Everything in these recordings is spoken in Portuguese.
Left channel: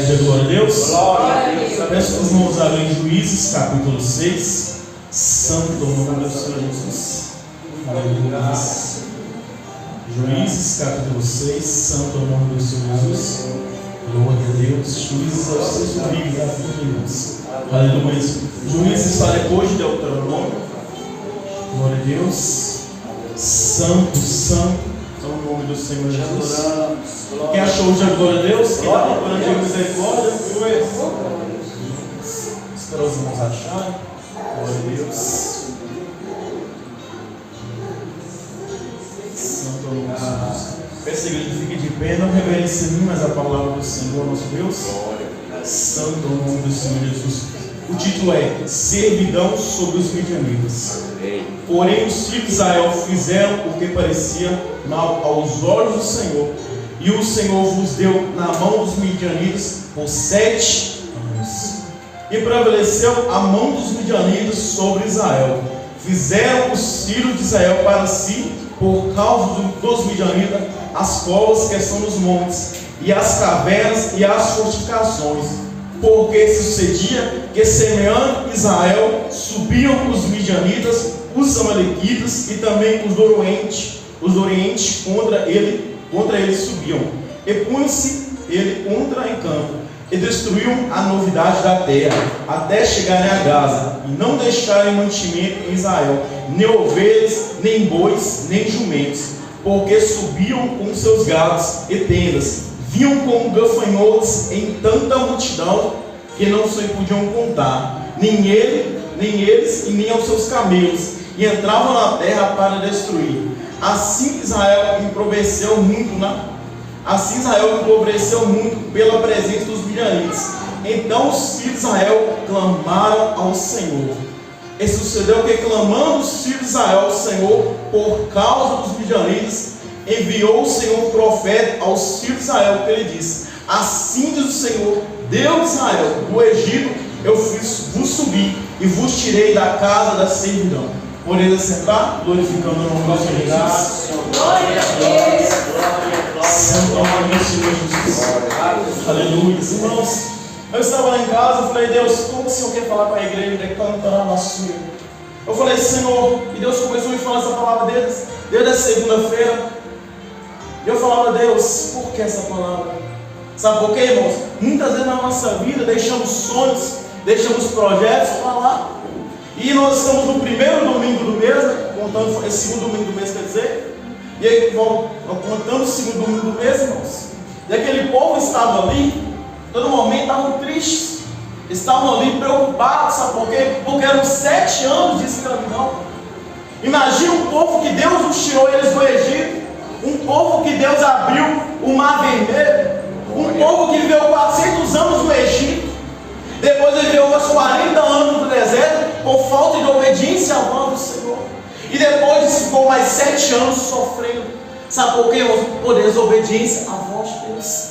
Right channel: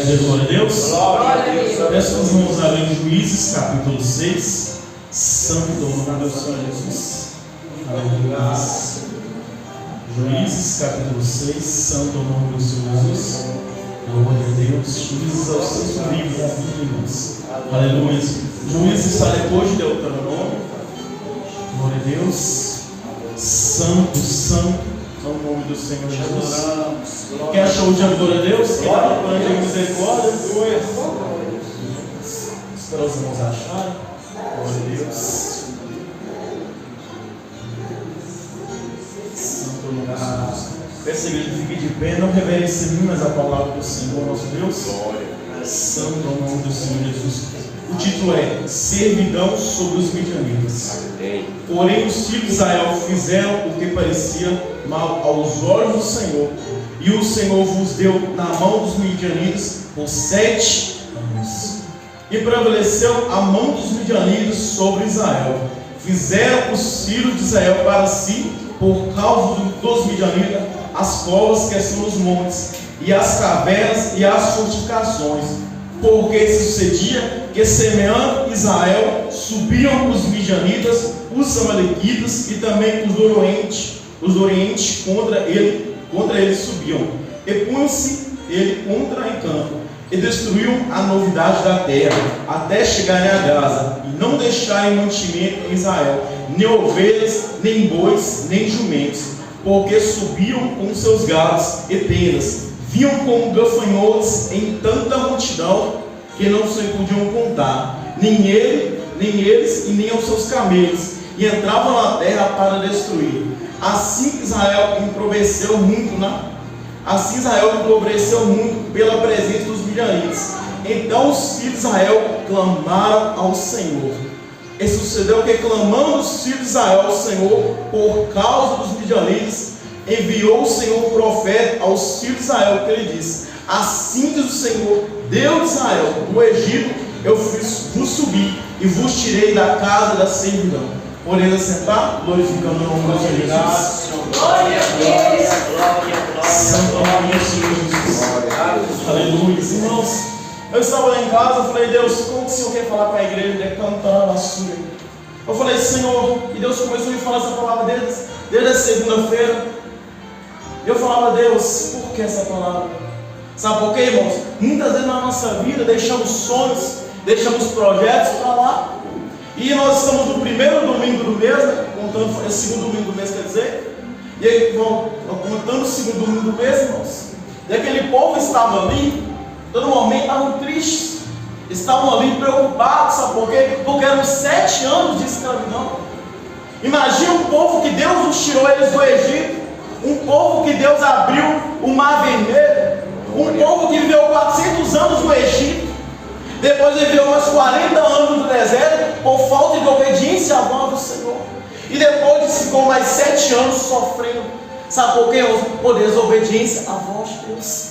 dizer glória a Deus? Glória a Deus. Peço que os irmãos abrem Juízes, capítulo 6. Santo o nome do Senhor Jesus. Aleluia. Juízes, capítulo 6. Santo o nome do Senhor Jesus. Glória a Deus. Juízes é o sexto livro das Bíblias. Aleluia. Juízes está depois de Deuteronômio. Glória a Deus. Santo, santo é o nome do Senhor Jesus. Quem achou de glória a Deus? Quem está procurando de misericórdia? Espera os irmãos acharem. Glória a Deus. Santo é o nome do Senhor Jesus. Peço a igreja que fique de pé, não reverencie mais a palavra do Senhor, nosso Deus. Santo é o nome do Senhor Jesus. O título é Servidão sobre os Midianitas. Porém os filhos de Israel fizeram o que parecia mal aos olhos do Senhor, e o Senhor vos deu na mão dos midianitas por 7 anos. E prevaleceu a mão dos midianitas sobre Israel. Fizeram os filhos de Israel para si, por causa dos midianitas, as covas que são nos montes, e as cavernas e as fortificações. Porque se sucedia que, semeando Israel, subiam os midianitas, os amalequitas e também os do Oriente contra ele subiam. E punham-se ele contra em campo, e destruíam a novidade da terra, até chegarem a Gaza, e não deixarem mantimento em Israel, nem ovelhas, nem bois, nem jumentos, porque subiam com seus gados e tendas. Vinham como gafanhotos em tanta multidão que não se podiam contar, nem eles e nem aos seus camelos, e entravam na terra para destruir. Assim Israel empobreceu muito pela presença dos midianitas. Então os filhos de Israel clamaram ao Senhor. E sucedeu que, clamando os filhos de Israel ao Senhor por causa dos midianitas, enviou o Senhor um profeta aos filhos de Israel, que ele disse: assim diz o Senhor, Deus de Israel, do Egito eu vos subi e vos tirei da casa da servidão. Podeis assentar, glorificando o nome do Senhor Jesus. Glória a Deus. Santo nome do Senhor Jesus. Aleluia. Irmãos, eu estava lá em casa, eu falei: Deus, como que o Senhor quer falar para a igreja de cantar na sua? Eu falei: Senhor, e Deus começou a me falar essa palavra desde a segunda-feira. Eu falava: Deus, por que essa palavra? Sabe por quê, irmãos? Muitas vezes na nossa vida deixamos sonhos, deixamos projetos para lá. E nós estamos no primeiro domingo do mês, né? Contando o segundo domingo do mês, quer dizer. E aí, contando o segundo domingo do mês, irmãos. E aquele povo estava ali, todo momento estavam tristes, estavam ali preocupados, sabe por quê? Porque eram 7 anos de escravidão. Imagina um povo que Deus nos tirou eles do Egito, um povo que Deus abriu o Mar Vermelho, um povo que viveu 400 anos no Egito, depois viveu mais 40 anos no deserto, por falta de obediência à voz do Senhor, e depois ficou mais 7 anos sofrendo. Sabe por quê, irmãos? Por desobediência à voz de Deus.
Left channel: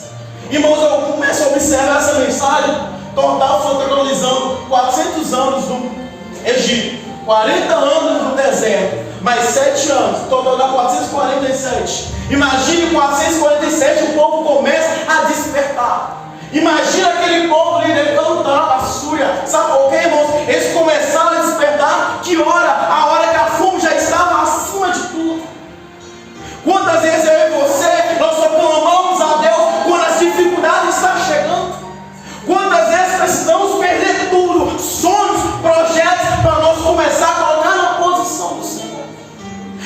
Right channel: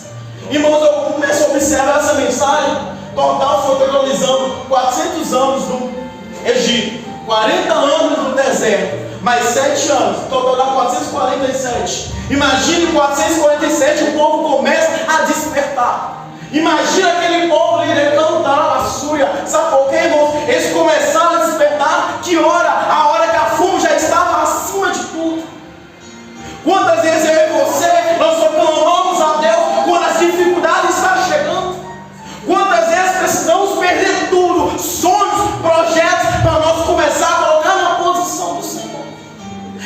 Irmãos, eu começo a observar essa mensagem. Total foi totalizando 400 anos no Egito, 40 anos no deserto, mais 7 anos, total dá 447. Imagine 447, o povo começa a despertar. Imagina aquele povo ali cantar a súria. Sabe por quê, irmãos? Eles começaram a despertar. Que hora? A hora que a fome já estava acima de tudo. Quantas vezes eu e você, nós só clamamos a Deus quando as dificuldades estão chegando? Quantas vezes precisamos perder tudo, sonhos, projetos, para nós começar a colocar na posição do Senhor?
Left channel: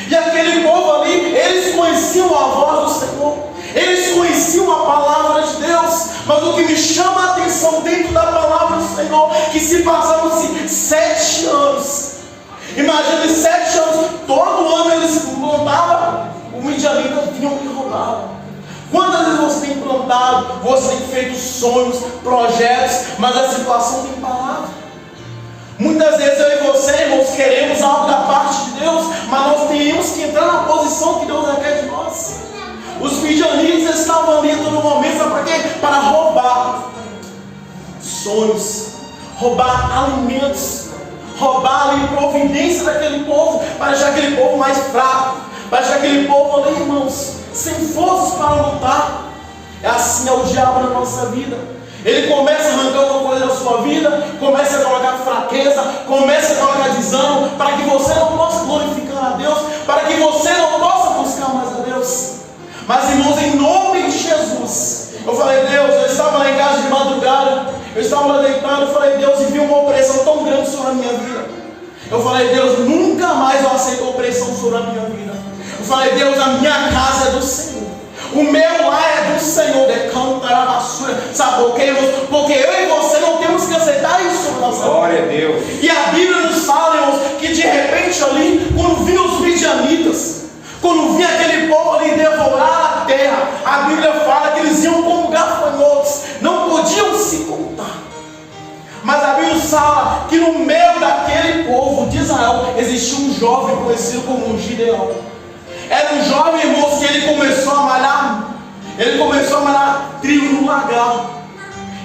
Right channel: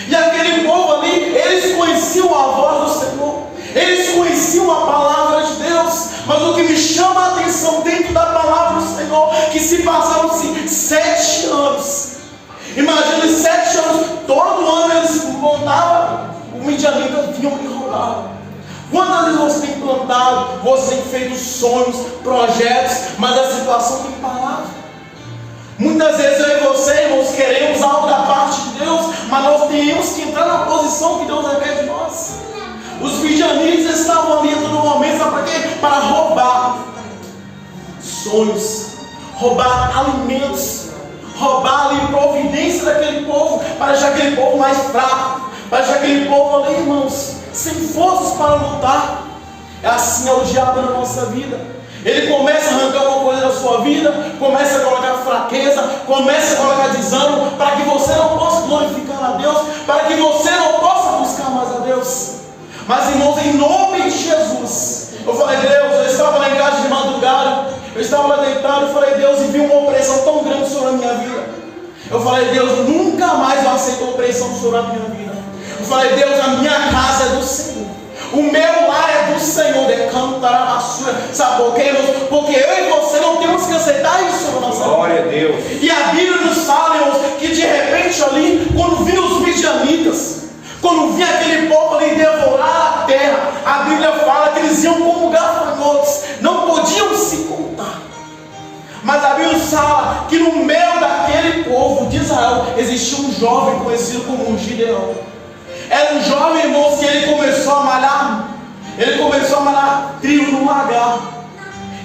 E aquele povo ali, eles conheciam a voz do Senhor, eles conheciam a palavra de Deus. Mas o que me chama a atenção dentro da palavra do Senhor, que se passaram-se 7 anos. Imagina, 7 anos, todo ano eles plantavam, o midianita vinham e roubavam. Quantas vezes você tem plantado, você tem feito sonhos, projetos, mas a situação tem parado? Muitas vezes eu e você, irmãos, queremos algo da parte de Deus, mas nós temos que entrar na posição que Deus requer de nós. Os midianitas estavam ali a todo momento, sabe para quê? Para roubar sonhos, roubar alimentos, roubar ali providência daquele povo, para deixar aquele povo mais fraco, para deixar aquele povo ali, irmãos, sem forças para lutar. Assim é o diabo na nossa vida. Ele começa a arrancar uma coisa da sua vida, começa a colocar fraqueza, começa a colocar desânimo, para que você não possa glorificar a Deus, para que você não possa buscar mais a Deus. Mas, irmãos, em nome de Jesus, eu falei: Deus, eu estava lá em casa de madrugada, eu estava lá deitado, eu falei: Deus, e vi uma opressão tão grande sobre a minha vida. Eu falei: Deus, nunca mais eu aceito opressão sobre a minha vida. Eu falei: Deus, a minha casa é do Senhor, o meu lar é do Senhor. Decantará a basura. Sabe por quê, irmãos? Porque eu e você não temos que aceitar isso sobre a nossa vida. Glória a Deus. E a Bíblia nos fala, irmãos, que de repente ali, quando vinham os midianitas, quando vinha aquele povo ali devorar a terra, a Bíblia fala que eles iam como gafanhotos, não podiam se contar. Mas a Bíblia fala que no meio daquele povo de Israel existia um jovem conhecido como Gideão. Era um jovem, irmãos, que ele começou a malhar trigo no lagar.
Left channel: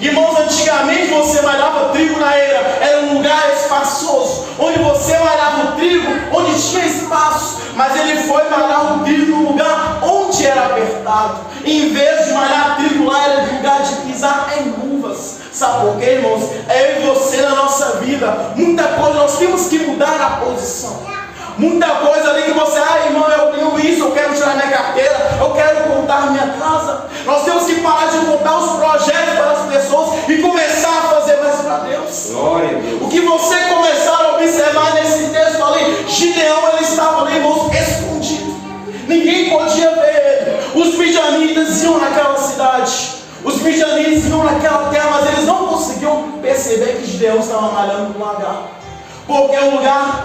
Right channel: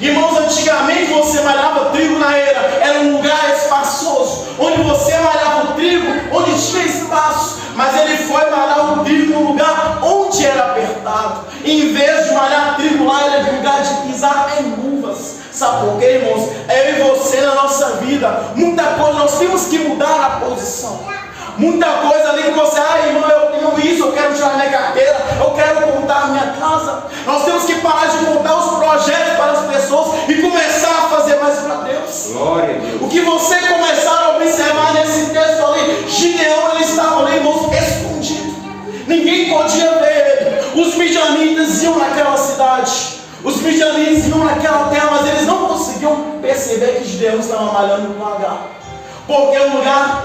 Irmãos, antigamente você malhava trigo na era um lugar espaçoso, onde você malhava o trigo, onde tinha espaço. Mas ele foi malhar o trigo num lugar onde era apertado. Em vez de malhar trigo lá, era de lugar de pisar em uvas. Sabe por quê, irmãos? É eu e você na nossa vida. Muita coisa, nós temos que mudar a posição. Muita coisa ali que você: irmão, eu tenho isso, eu quero tirar minha carteira, eu quero contar minha casa. Nós temos que parar de contar os projetos para as pessoas e começar a fazer mais para Deus. Glória a Deus. O que você começar a observar nesse texto ali, Gideão, ele estava ali, irmãos, escondido. Ninguém podia ver ele. Os midianitas iam naquela cidade, os midianitas iam naquela terra, mas eles não conseguiam perceber que Gideão estava malhando no lagar. Porque o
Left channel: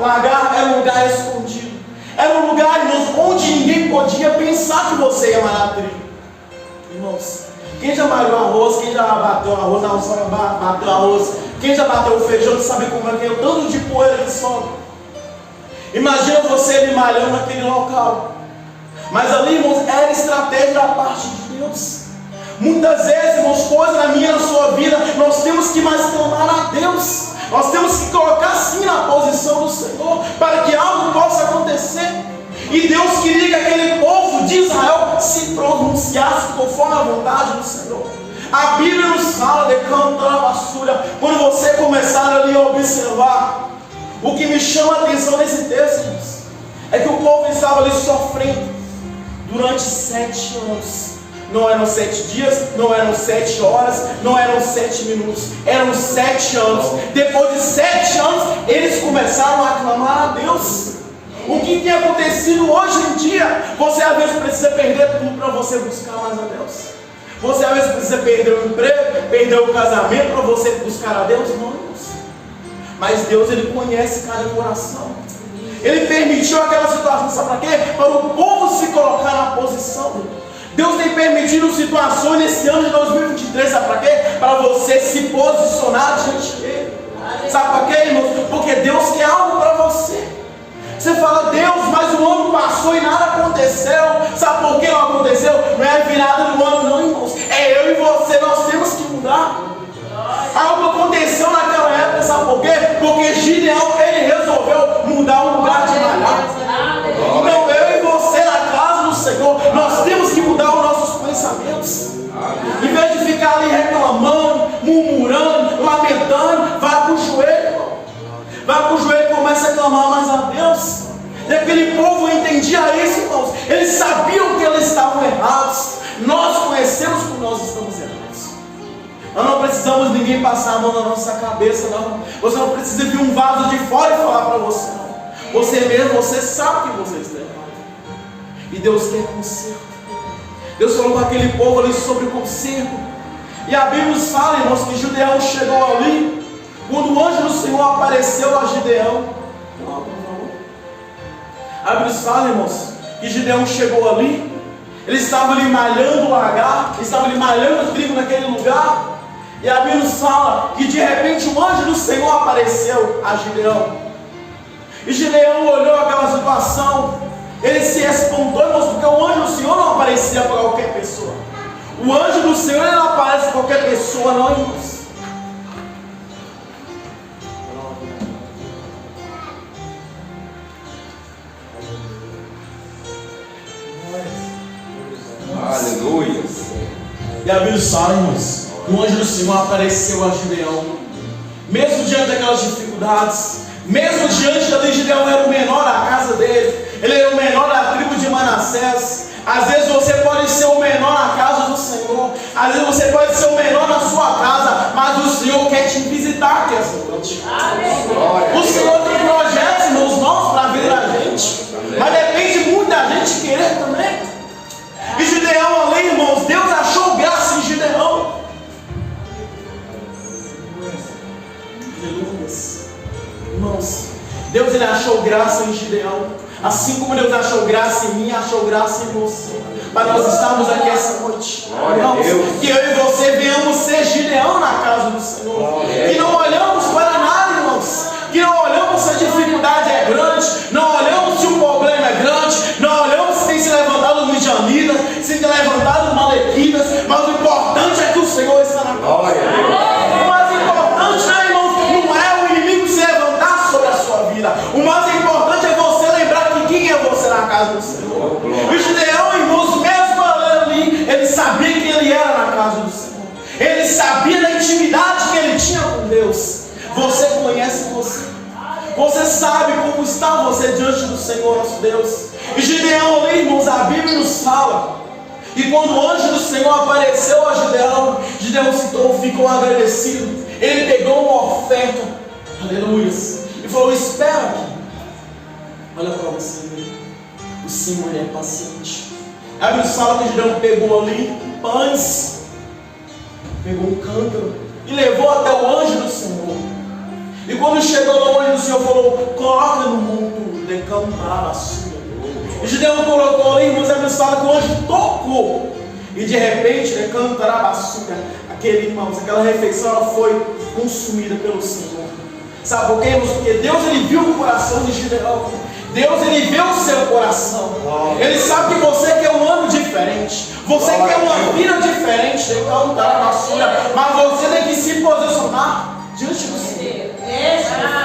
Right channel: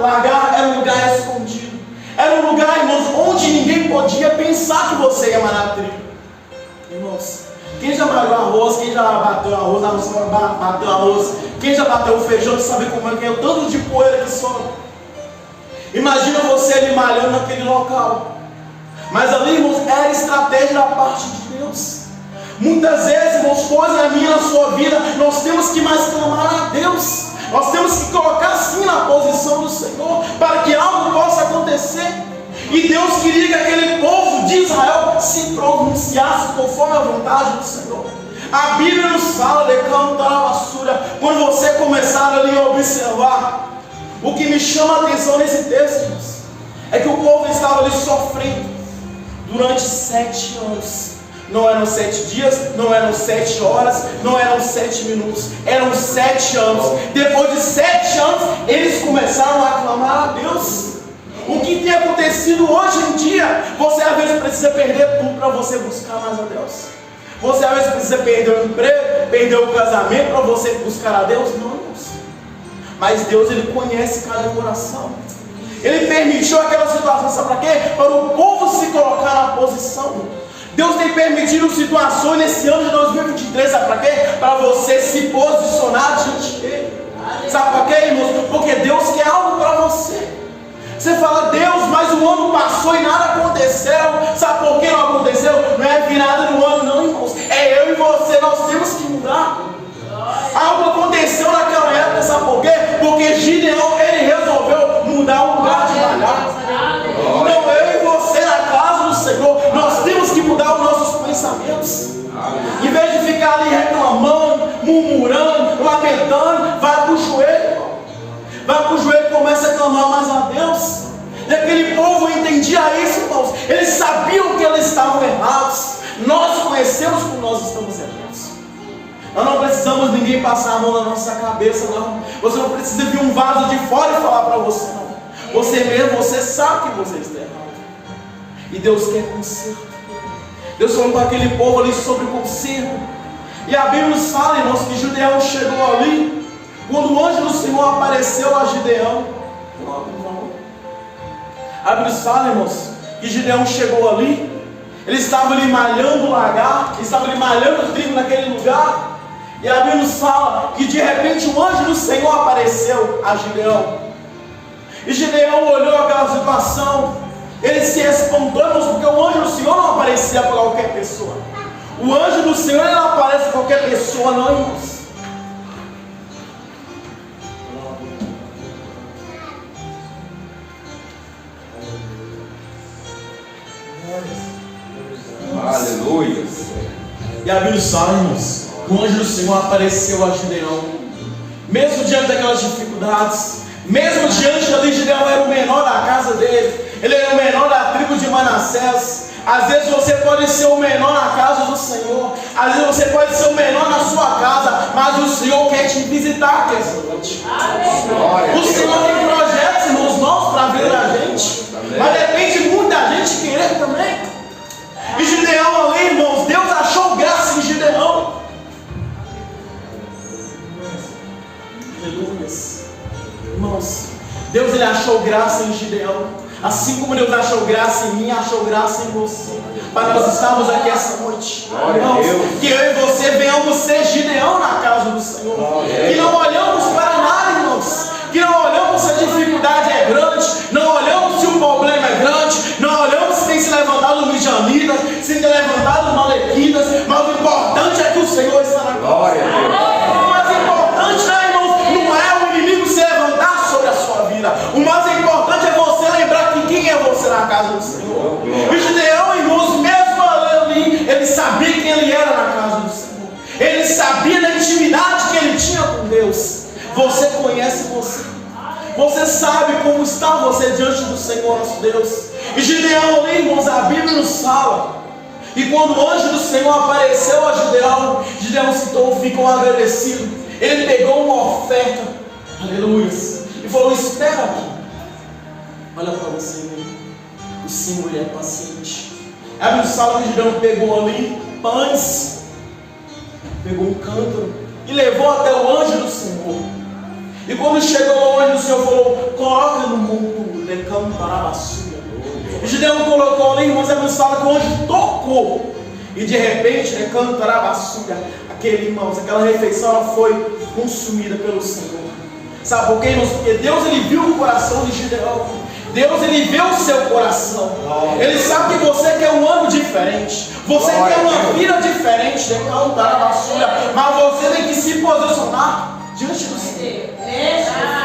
lagar era um lugar escondido. Era um lugar, irmãos, onde ninguém podia pensar que você ia malhar trigo. Irmãos, quem já malhou arroz, quem já bateu arroz, bateu arroz, quem já bateu o feijão, sabe como é que é o tanto de poeira que sobe. Imagina você ali malhando naquele local. Mas ali, irmãos, era estratégia da parte de Deus. Muitas vezes, irmãos, coisas na minha, na sua vida, nós temos que mais clamar a Deus. Nós temos que colocar sim na posição do Senhor, para que algo possa acontecer. E Deus queria que aquele povo de Israel se pronunciasse conforme a vontade do Senhor. A Bíblia nos fala de cantar a basura. Quando você começar ali a observar, o que me chama a atenção nesse texto, irmãos, é que o povo estava ali sofrendo durante 7 anos. Não eram 7 dias, não eram 7 horas, não eram 7 minutos, eram 7 anos. Depois de 7 anos, eles começaram a clamar a Deus. O que tem acontecido hoje em dia? Você às vezes precisa perder tudo para você buscar mais a Deus. Você às vezes precisa perder o emprego, perder o casamento para você buscar a Deus. Não, irmãos. Mas Deus, Ele conhece cada coração. Ele permitiu aquela situação, sabe para quê? Para o povo se colocar na posição. Deus tem permitido situações nesse ano de 2023, sabe para quê? Para você se posicionar diante dele. Sabe para quê, irmãos? Porque Deus quer algo para você. Você fala: Deus, mas o ano passou e nada aconteceu. Sabe por que não aconteceu? Não é virada do ano, não, irmãos. É eu e você, nós temos que mudar. Algo aconteceu naquela época, sabe por quê? Porque Gideão, ele resolveu mudar o lugar de malhar. Então eu e você na casa do Senhor, nós temos que mudar os nossos pensamentos. Em vez de ficar ali reclamando, murmurando, lamentando, vai para o joelho. Vai para o joelho e começa a clamar mais a Deus. E aquele povo entendia isso, irmãos. Eles sabiam que eles estavam errados. Nós conhecemos como nós estamos errados. Nós não precisamos ninguém passar a mão na nossa cabeça, não. Você não precisa vir um vaso de fora e falar para você, não. Você mesmo, você sabe que você está errado. E Deus quer conserto. Deus falou com aquele povo ali sobre o conserto. E a Bíblia nos fala, irmãos, que Gideão chegou ali. Quando o anjo do Senhor apareceu a Gideão, a Bíblia nos fala, irmãos, que Gideão chegou ali. Ele estava ali malhando o lagar, estava ali malhando o trigo naquele lugar. E a Bíblia nos fala que de repente o anjo do Senhor apareceu a Gideão. E Gideão olhou aquela situação, ele se espantou, irmãos, porque o anjo do Senhor não aparecia para qualquer pessoa. O anjo do Senhor ele não aparece para qualquer pessoa, não, irmãos. Aleluia. E a Bíblia fala, irmãos, que o anjo do Senhor apareceu a Gideão. Mesmo diante daquelas dificuldades, mesmo diante ali, Gideão era o menor da casa dele, ele era o menor da tribo de Manassés. Às vezes você pode ser o menor na casa do Senhor, às vezes você pode ser o menor na sua casa, mas o Senhor quer te visitar aqui essa noite. O Senhor tem projetos, irmãos, novos para a vida da gente, mas depende muito da gente querer também. E Gideão ali, irmãos, Deus achou graça em Gideão. Aleluia. Irmãos, Deus ele achou graça em Gideão. Assim como Deus achou graça em mim, achou graça em você. Para nós estarmos aqui essa noite. Irmãos, que eu e você venhamos ser Gideão na casa do Senhor. Que não olhamos para nada, irmãos. Que não olhamos se a dificuldade é grande. Não olhamos se o problema é grande. Não olhamos se tem se levantado midianitas, se tem levantado malequitas. Mas o importante é que o Senhor está na glória. O mais importante, né, irmãos, não é o inimigo se levantar sobre a sua vida. O mais importante é você lembrar que quem é você na casa do Senhor. E Gideão, irmãos, mesmo ali, ele sabia quem ele era na casa do Senhor. Ele sabia da intimidade que ele tinha com Deus. Você conhece você. Você sabe como está você diante do Senhor, nosso Deus. E Gideão ali, irmãos, a Bíblia nos fala. E quando o anjo do Senhor apareceu a Gideão, Gideão ficou agradecido. Ele pegou uma oferta, aleluia, e falou: espera aqui. Olha para você, o Senhor é paciente. A Bíblia fala que Gideão pegou ali pães, pegou um cântaro e levou até o anjo do Senhor. E quando chegou lá, o anjo do Senhor falou: coloca no monte de campo para a basura. E Gideão colocou ali, irmãos, a Bíblia fala que o anjo tocou. E de repente, de campo para a basura, aquela refeição ela foi consumida pelo Senhor. Sabe por quê, irmãos? Porque Deus ele viu o coração de Gideão. Deus ele vê o seu coração. Ele sabe que você quer um ano diferente. Você quer uma vida diferente. Mas você tem que se posicionar diante do Senhor.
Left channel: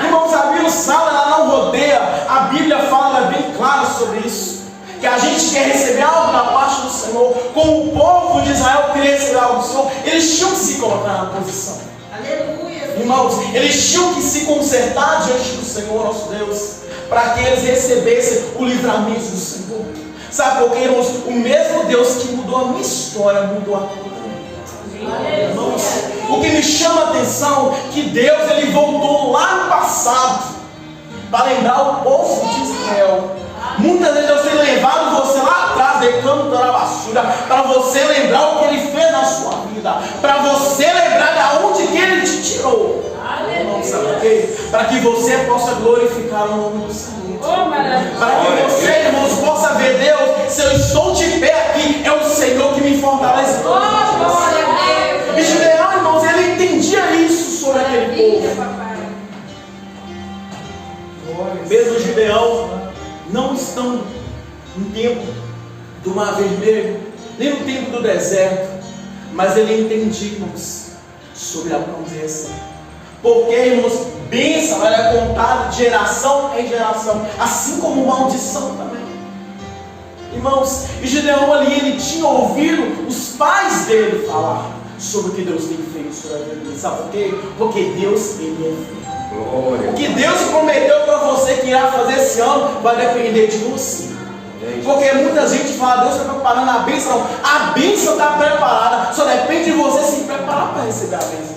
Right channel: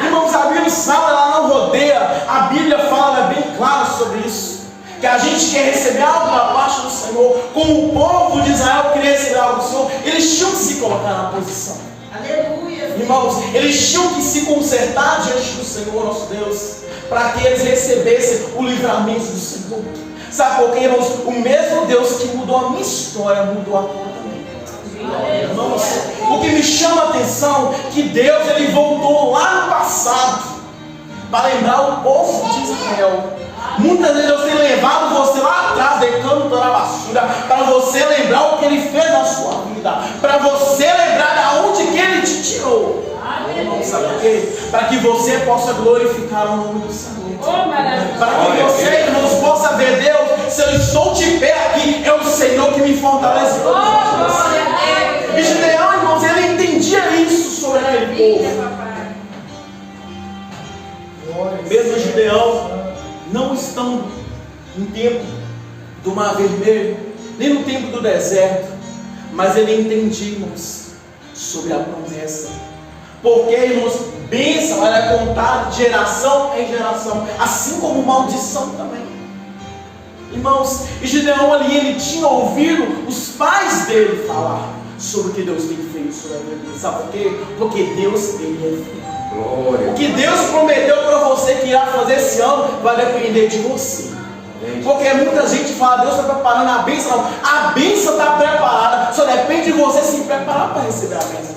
Irmãos, a Bíblia fala, ela não rodeia. A Bíblia fala bem claro sobre isso. Que a gente quer receber algo da parte do Senhor. Como o povo de Israel queria receber algo do Senhor, eles tinham que se colocar na posição. Aleluia. Irmãos, eles tinham que se consertar diante do Senhor, nosso Deus, para que eles recebessem o livramento do Senhor. Sabe por quê, irmãos? O mesmo Deus que mudou a minha história, mudou a tua também. Irmãos, o que me chama a atenção é que Deus ele voltou lá no passado para lembrar o povo de Israel. Muitas vezes Deus tem levado você lá atrás, decando toda a basura, para você lembrar o que Ele fez na sua vida, para você lembrar de onde que Ele te tirou. Não sabe por quê? Para que você possa glorificar o nome do Senhor. Para que você, irmãos, possa ver Deus. Se eu estou de pé aqui, é o Senhor que me fortalece. E Gideão, irmãos, ele entendia isso sobre aquele povo. Mesmo Gideão não estão no tempo do Mar Vermelho, nem no tempo do deserto, mas ele entendia, irmãos, sobre a promessa. Porque, irmãos, bênção ela é contada de geração em geração, assim como maldição também. Irmãos, e Gideão ali, ele tinha ouvido os pais dele falar sobre o que Deus tem feito sobre a vida dele. Sabe por quê? Porque Deus, ele é fiel. Glória. O que Deus prometeu para você que irá fazer esse ano vai depender de você. Porque muita gente fala: Deus está preparando a bênção. Não, a bênção está preparada, só depende de você se preparar para receber a bênção.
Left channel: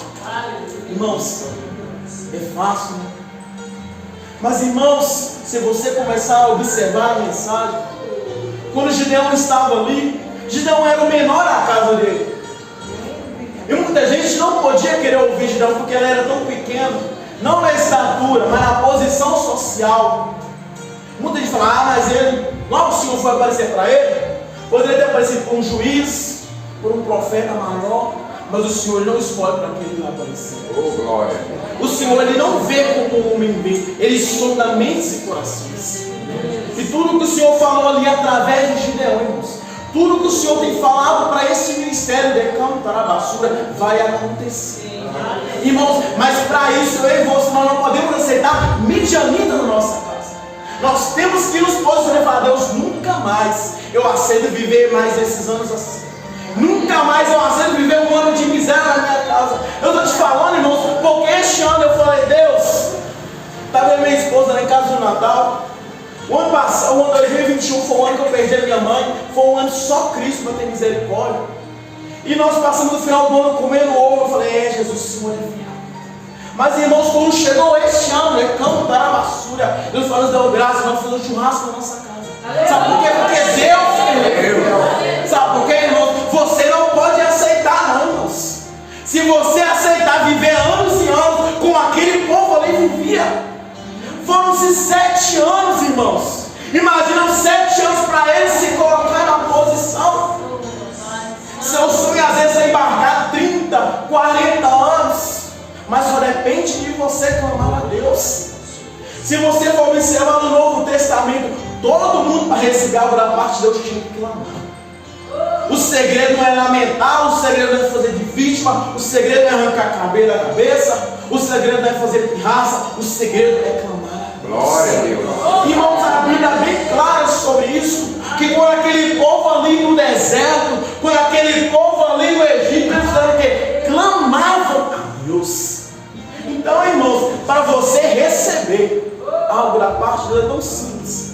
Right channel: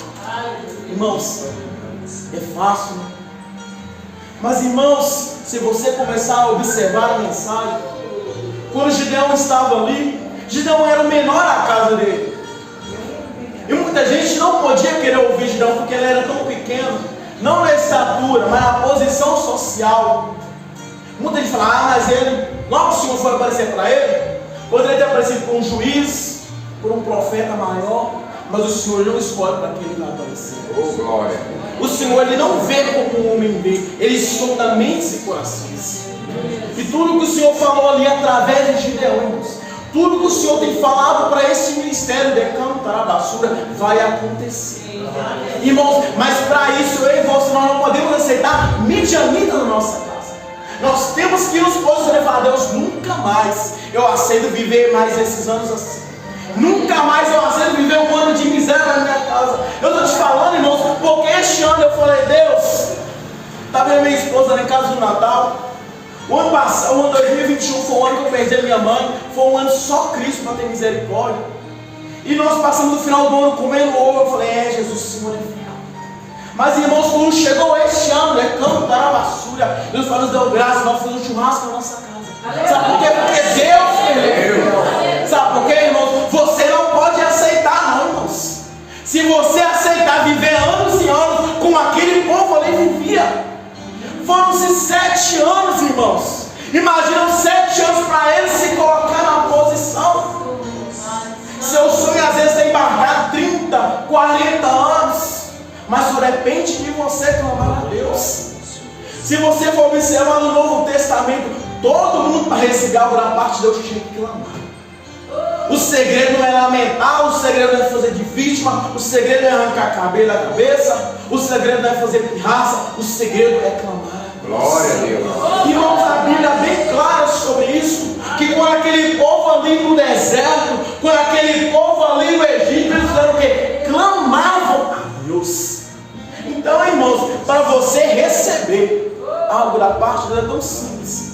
Irmãos, é fácil, né? Mas, irmãos, se você começar a observar a mensagem, quando Gideão estava ali, Gideão era o menor da casa dele. E muita gente não podia querer ouvir Gideão porque ele era tão pequeno. Não na estatura, mas na posição social. Muita gente fala: mas ele, logo o Senhor foi aparecer para ele. Poderia ter aparecido por um juiz, por um profeta maior, mas o Senhor não escolhe para quem ele vai aparecer. Oh, glória. O Senhor ele não vê como o homem vê, ele sonda mentes e corações. E tudo que o Senhor falou ali através de Gideão, irmãos, tudo que o Senhor tem falado para esse ministério de cantar a basura vai acontecer. Irmãos, mas para isso eu e você, nós não podemos aceitar midianita na nossa casa. Nós temos que nos posicionar e falar: Deus, nunca mais eu aceito viver mais esses anos assim. Nunca mais eu aceito viver um ano de miséria na minha casa. Eu estou te falando, irmãos, porque este ano eu falei, Deus, está vendo minha esposa lá em casa do Natal? O ano passado, o ano 2021 foi o ano que eu perdi a minha mãe. Foi um ano só Cristo para ter misericórdia. E nós passamos no final do ano comendo ovo. Eu falei, Jesus, o Senhor é fiel. Mas irmãos, quando chegou este ano, cantar a basura, Deus nos deu graça, nós fizemos um churrasco na nossa casa. Sabe por quê? Porque Deus é fiel. Sabe por quê, irmãos? Você não pode aceitar, não, irmãos. Se você aceitar viver anos e anos como aquele povo ali vivia. Foram-se 7 anos, irmãos. Imaginam 7 anos para eles se colocar na posição. Seu sonho às vezes é embarcar 30, 40 anos. Mas só depende de você clamar a Deus. Se você for observar no Novo Testamento, todo mundo para receber algo da parte de Deus tinha que clamar. O segredo não é lamentar, o segredo não é fazer de vítima, o segredo não é arrancar cabelo da cabeça, o segredo não é fazer pirraça, o segredo é clamar a Deus. Glória a Deus. Irmãos, a Bíblia é bem clara sobre isso, que quando aquele povo ali no deserto, quando aquele povo ali no Egito, eles fizeram o quê? Clamavam a Deus. Então, irmãos, para você receber algo da parte de Deus é tão simples.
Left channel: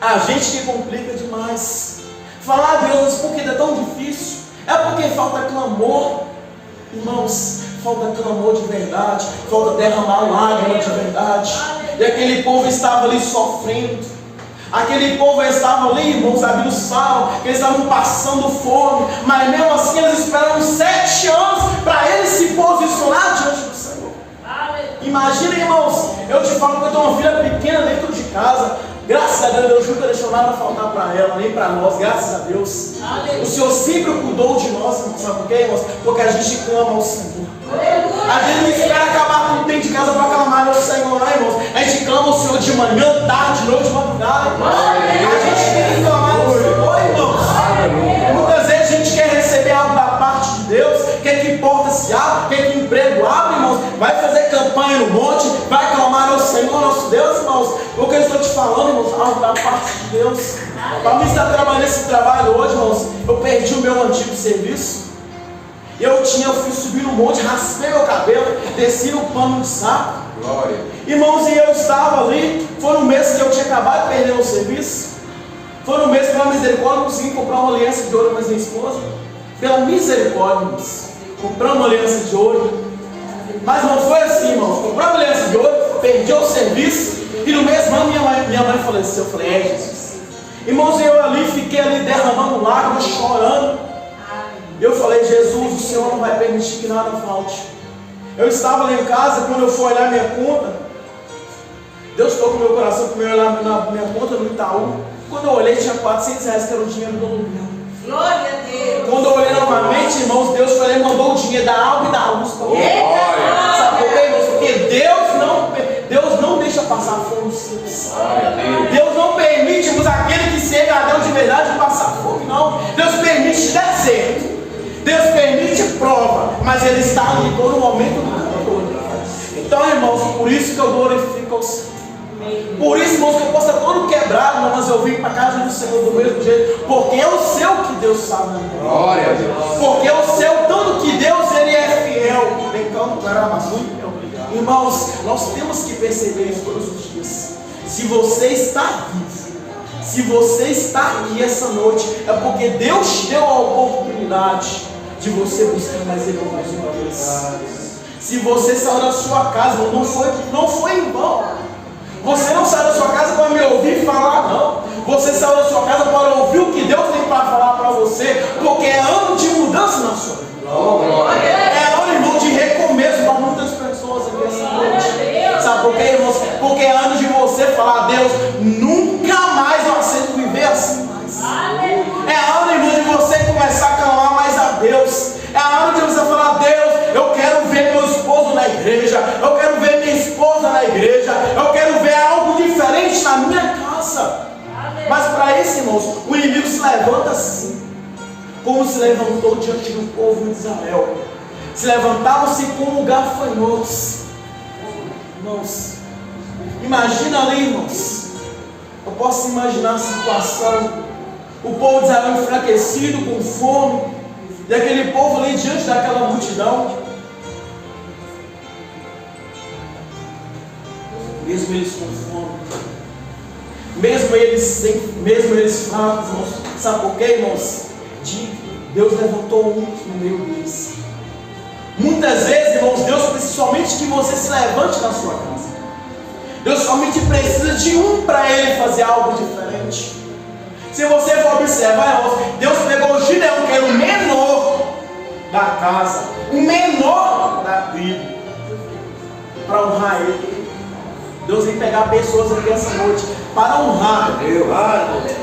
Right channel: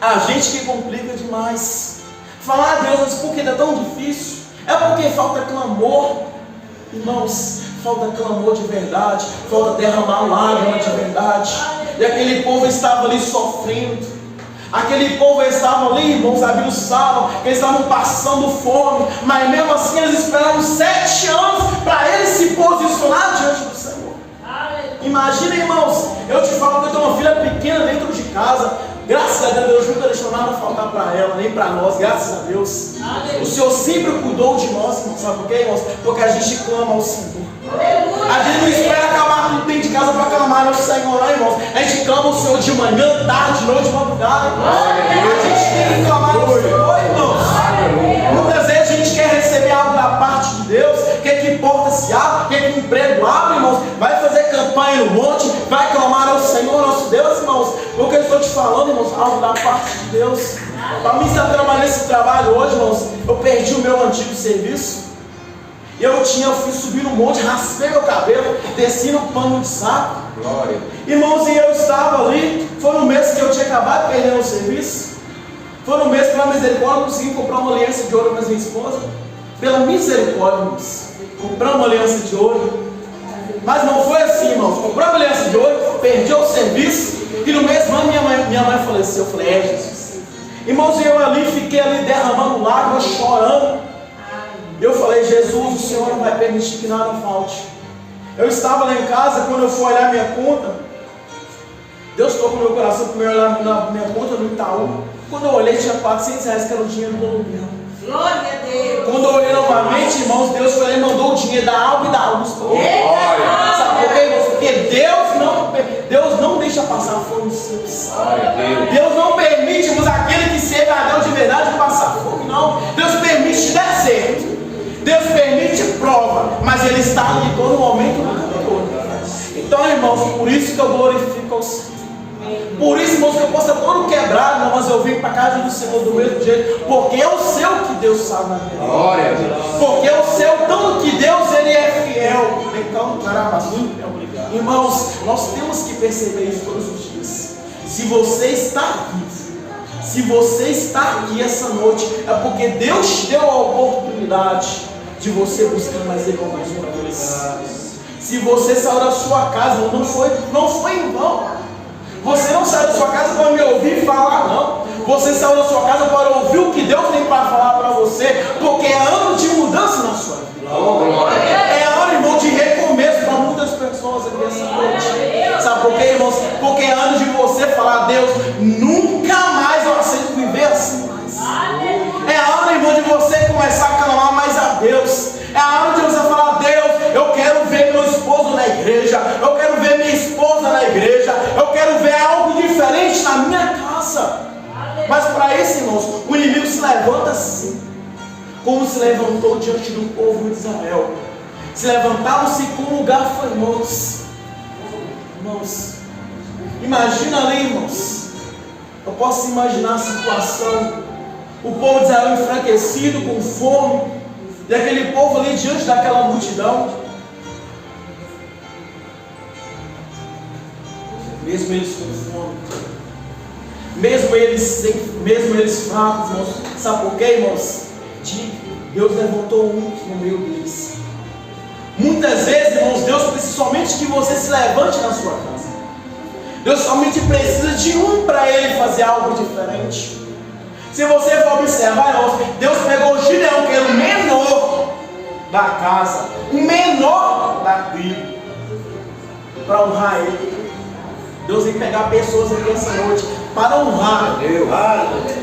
A gente que complica demais. Falar a Deus, mas por que é tão difícil? É porque falta clamor. Irmãos, falta clamor de verdade, falta derramar lágrima de verdade. E aquele povo estava ali sofrendo. Aquele povo estava ali, irmãos, a Bíblia fala que eles estavam passando fome, mas mesmo assim eles esperaram 7 anos para eles se posicionar diante do Senhor. Imagina, irmãos, eu te falo que eu tenho uma filha pequena dentro de casa. Graças a Deus nunca deixou nada faltar para ela, nem para nós, graças a Deus. O Senhor sempre cuidou de nós, irmãos. Sabe por quê, irmãos? Porque a gente clama ao Senhor. A gente não espera acabar tudo dentro de casa para clamar ao Senhor, não, irmãos. A gente clama ao Senhor de manhã, tarde, noite, madrugada. A gente tem que clamar ao Senhor, irmãos. Muitas vezes a gente quer receber algo da parte de Deus, quer que porta se abra, quer que emprego abra, irmãos. Vai fazer campanha no monte, vai clamar ao Senhor, nosso Deus, irmãos. O que eu estou te falando, irmãos, algo da parte de Deus. Para mim estar trabalhando nesse trabalho hoje, irmãos, eu perdi o meu antigo serviço. Eu fui subir no monte, raspei meu cabelo, desci no pano de saco. Glória. Irmãos, e eu estava ali, foi no mês que eu tinha acabado de perder meu serviço. Foi no mês, pela misericórdia, eu consegui comprar uma aliança de ouro para minha esposa. Pela misericórdia, irmãos, comprar uma aliança de ouro. Mas não foi assim, irmãos, comprar uma aliança de ouro, perdi o serviço. E no mesmo ano minha mãe faleceu. Eu falei, Jesus. Irmãos, eu ali fiquei ali derramando lágrimas, chorando. Eu falei, Jesus, o Senhor não vai permitir que nada falte. Eu estava lá em casa, quando eu fui olhar minha conta, Deus tocou no meu coração para eu olhar na minha conta no Itaú. Quando eu olhei, tinha R$400, que era o dinheiro do aluguel. Glória a Deus. Quando eu olhei novamente, irmãos, Deus foi lá e mandou o dinheiro da água e da luz para mim. Sabe por quê, irmãos? Porque Deus não deixa passar fome simples. Deus não permite, irmãos, aquele que serve a Deus de verdade passar fome, não. Deus permite deserto. Deus permite prova, mas Ele está ali todo momento no controle. Então, irmãos, por isso que eu glorifico ao Senhor. Por isso, irmãos, que eu posso estar todo quebrado, não, mas eu vim para a casa do Senhor do mesmo jeito, porque eu sei o que Deus sabe na minha vida. Glória a Deus. Porque eu sei o tanto que Deus Ele é fiel. Então, irmãos, nós temos que perceber isso todos os dias. Se você está vivo, se você está aqui essa noite, é porque Deus te deu a oportunidade de você buscar mais Ele mais uma vez. Se você saiu da sua casa, não foi em vão. Você não saiu da sua casa para me ouvir falar, não. Você saiu da sua casa para ouvir o que Deus tem para falar para você, porque é ano de mudança na sua vida. É ano, irmão, de recomeço para muitas pessoas aqui essa noite. Sabe por quê, irmãos? Porque é ano de você falar a Deus, nunca mais eu aceito viver assim mais. É ano, irmão, de você começar a clamar mais a Deus. É ano de você falar, Deus, eu quero ver meu esposo na igreja, eu quero ver minha esposa na igreja, eu quero ver algo diferente na minha casa. Mas para isso, irmãos, o inimigo se levanta assim, como se levantou diante do povo de Israel. Se levantavam-se como gafanhotos. Irmãos, imagina ali, irmãos. Eu posso imaginar a situação. o povo de Israel enfraquecido, com fome, e aquele povo ali diante daquela multidão, mesmo eles com fome, mesmo eles fracos, irmãos, sabe por quê, irmãos? Deus levantou um no meio deles. Muitas vezes, irmãos, Deus precisa somente que você se levante na sua casa. Deus somente precisa de um para Ele fazer algo diferente. Se você for observar, irmãos, Deus pegou o Gideão, que era o menor da casa, o menor da tribo, para honrar ele. Deus tem que pegar pessoas aqui essa noite para honrar Deus,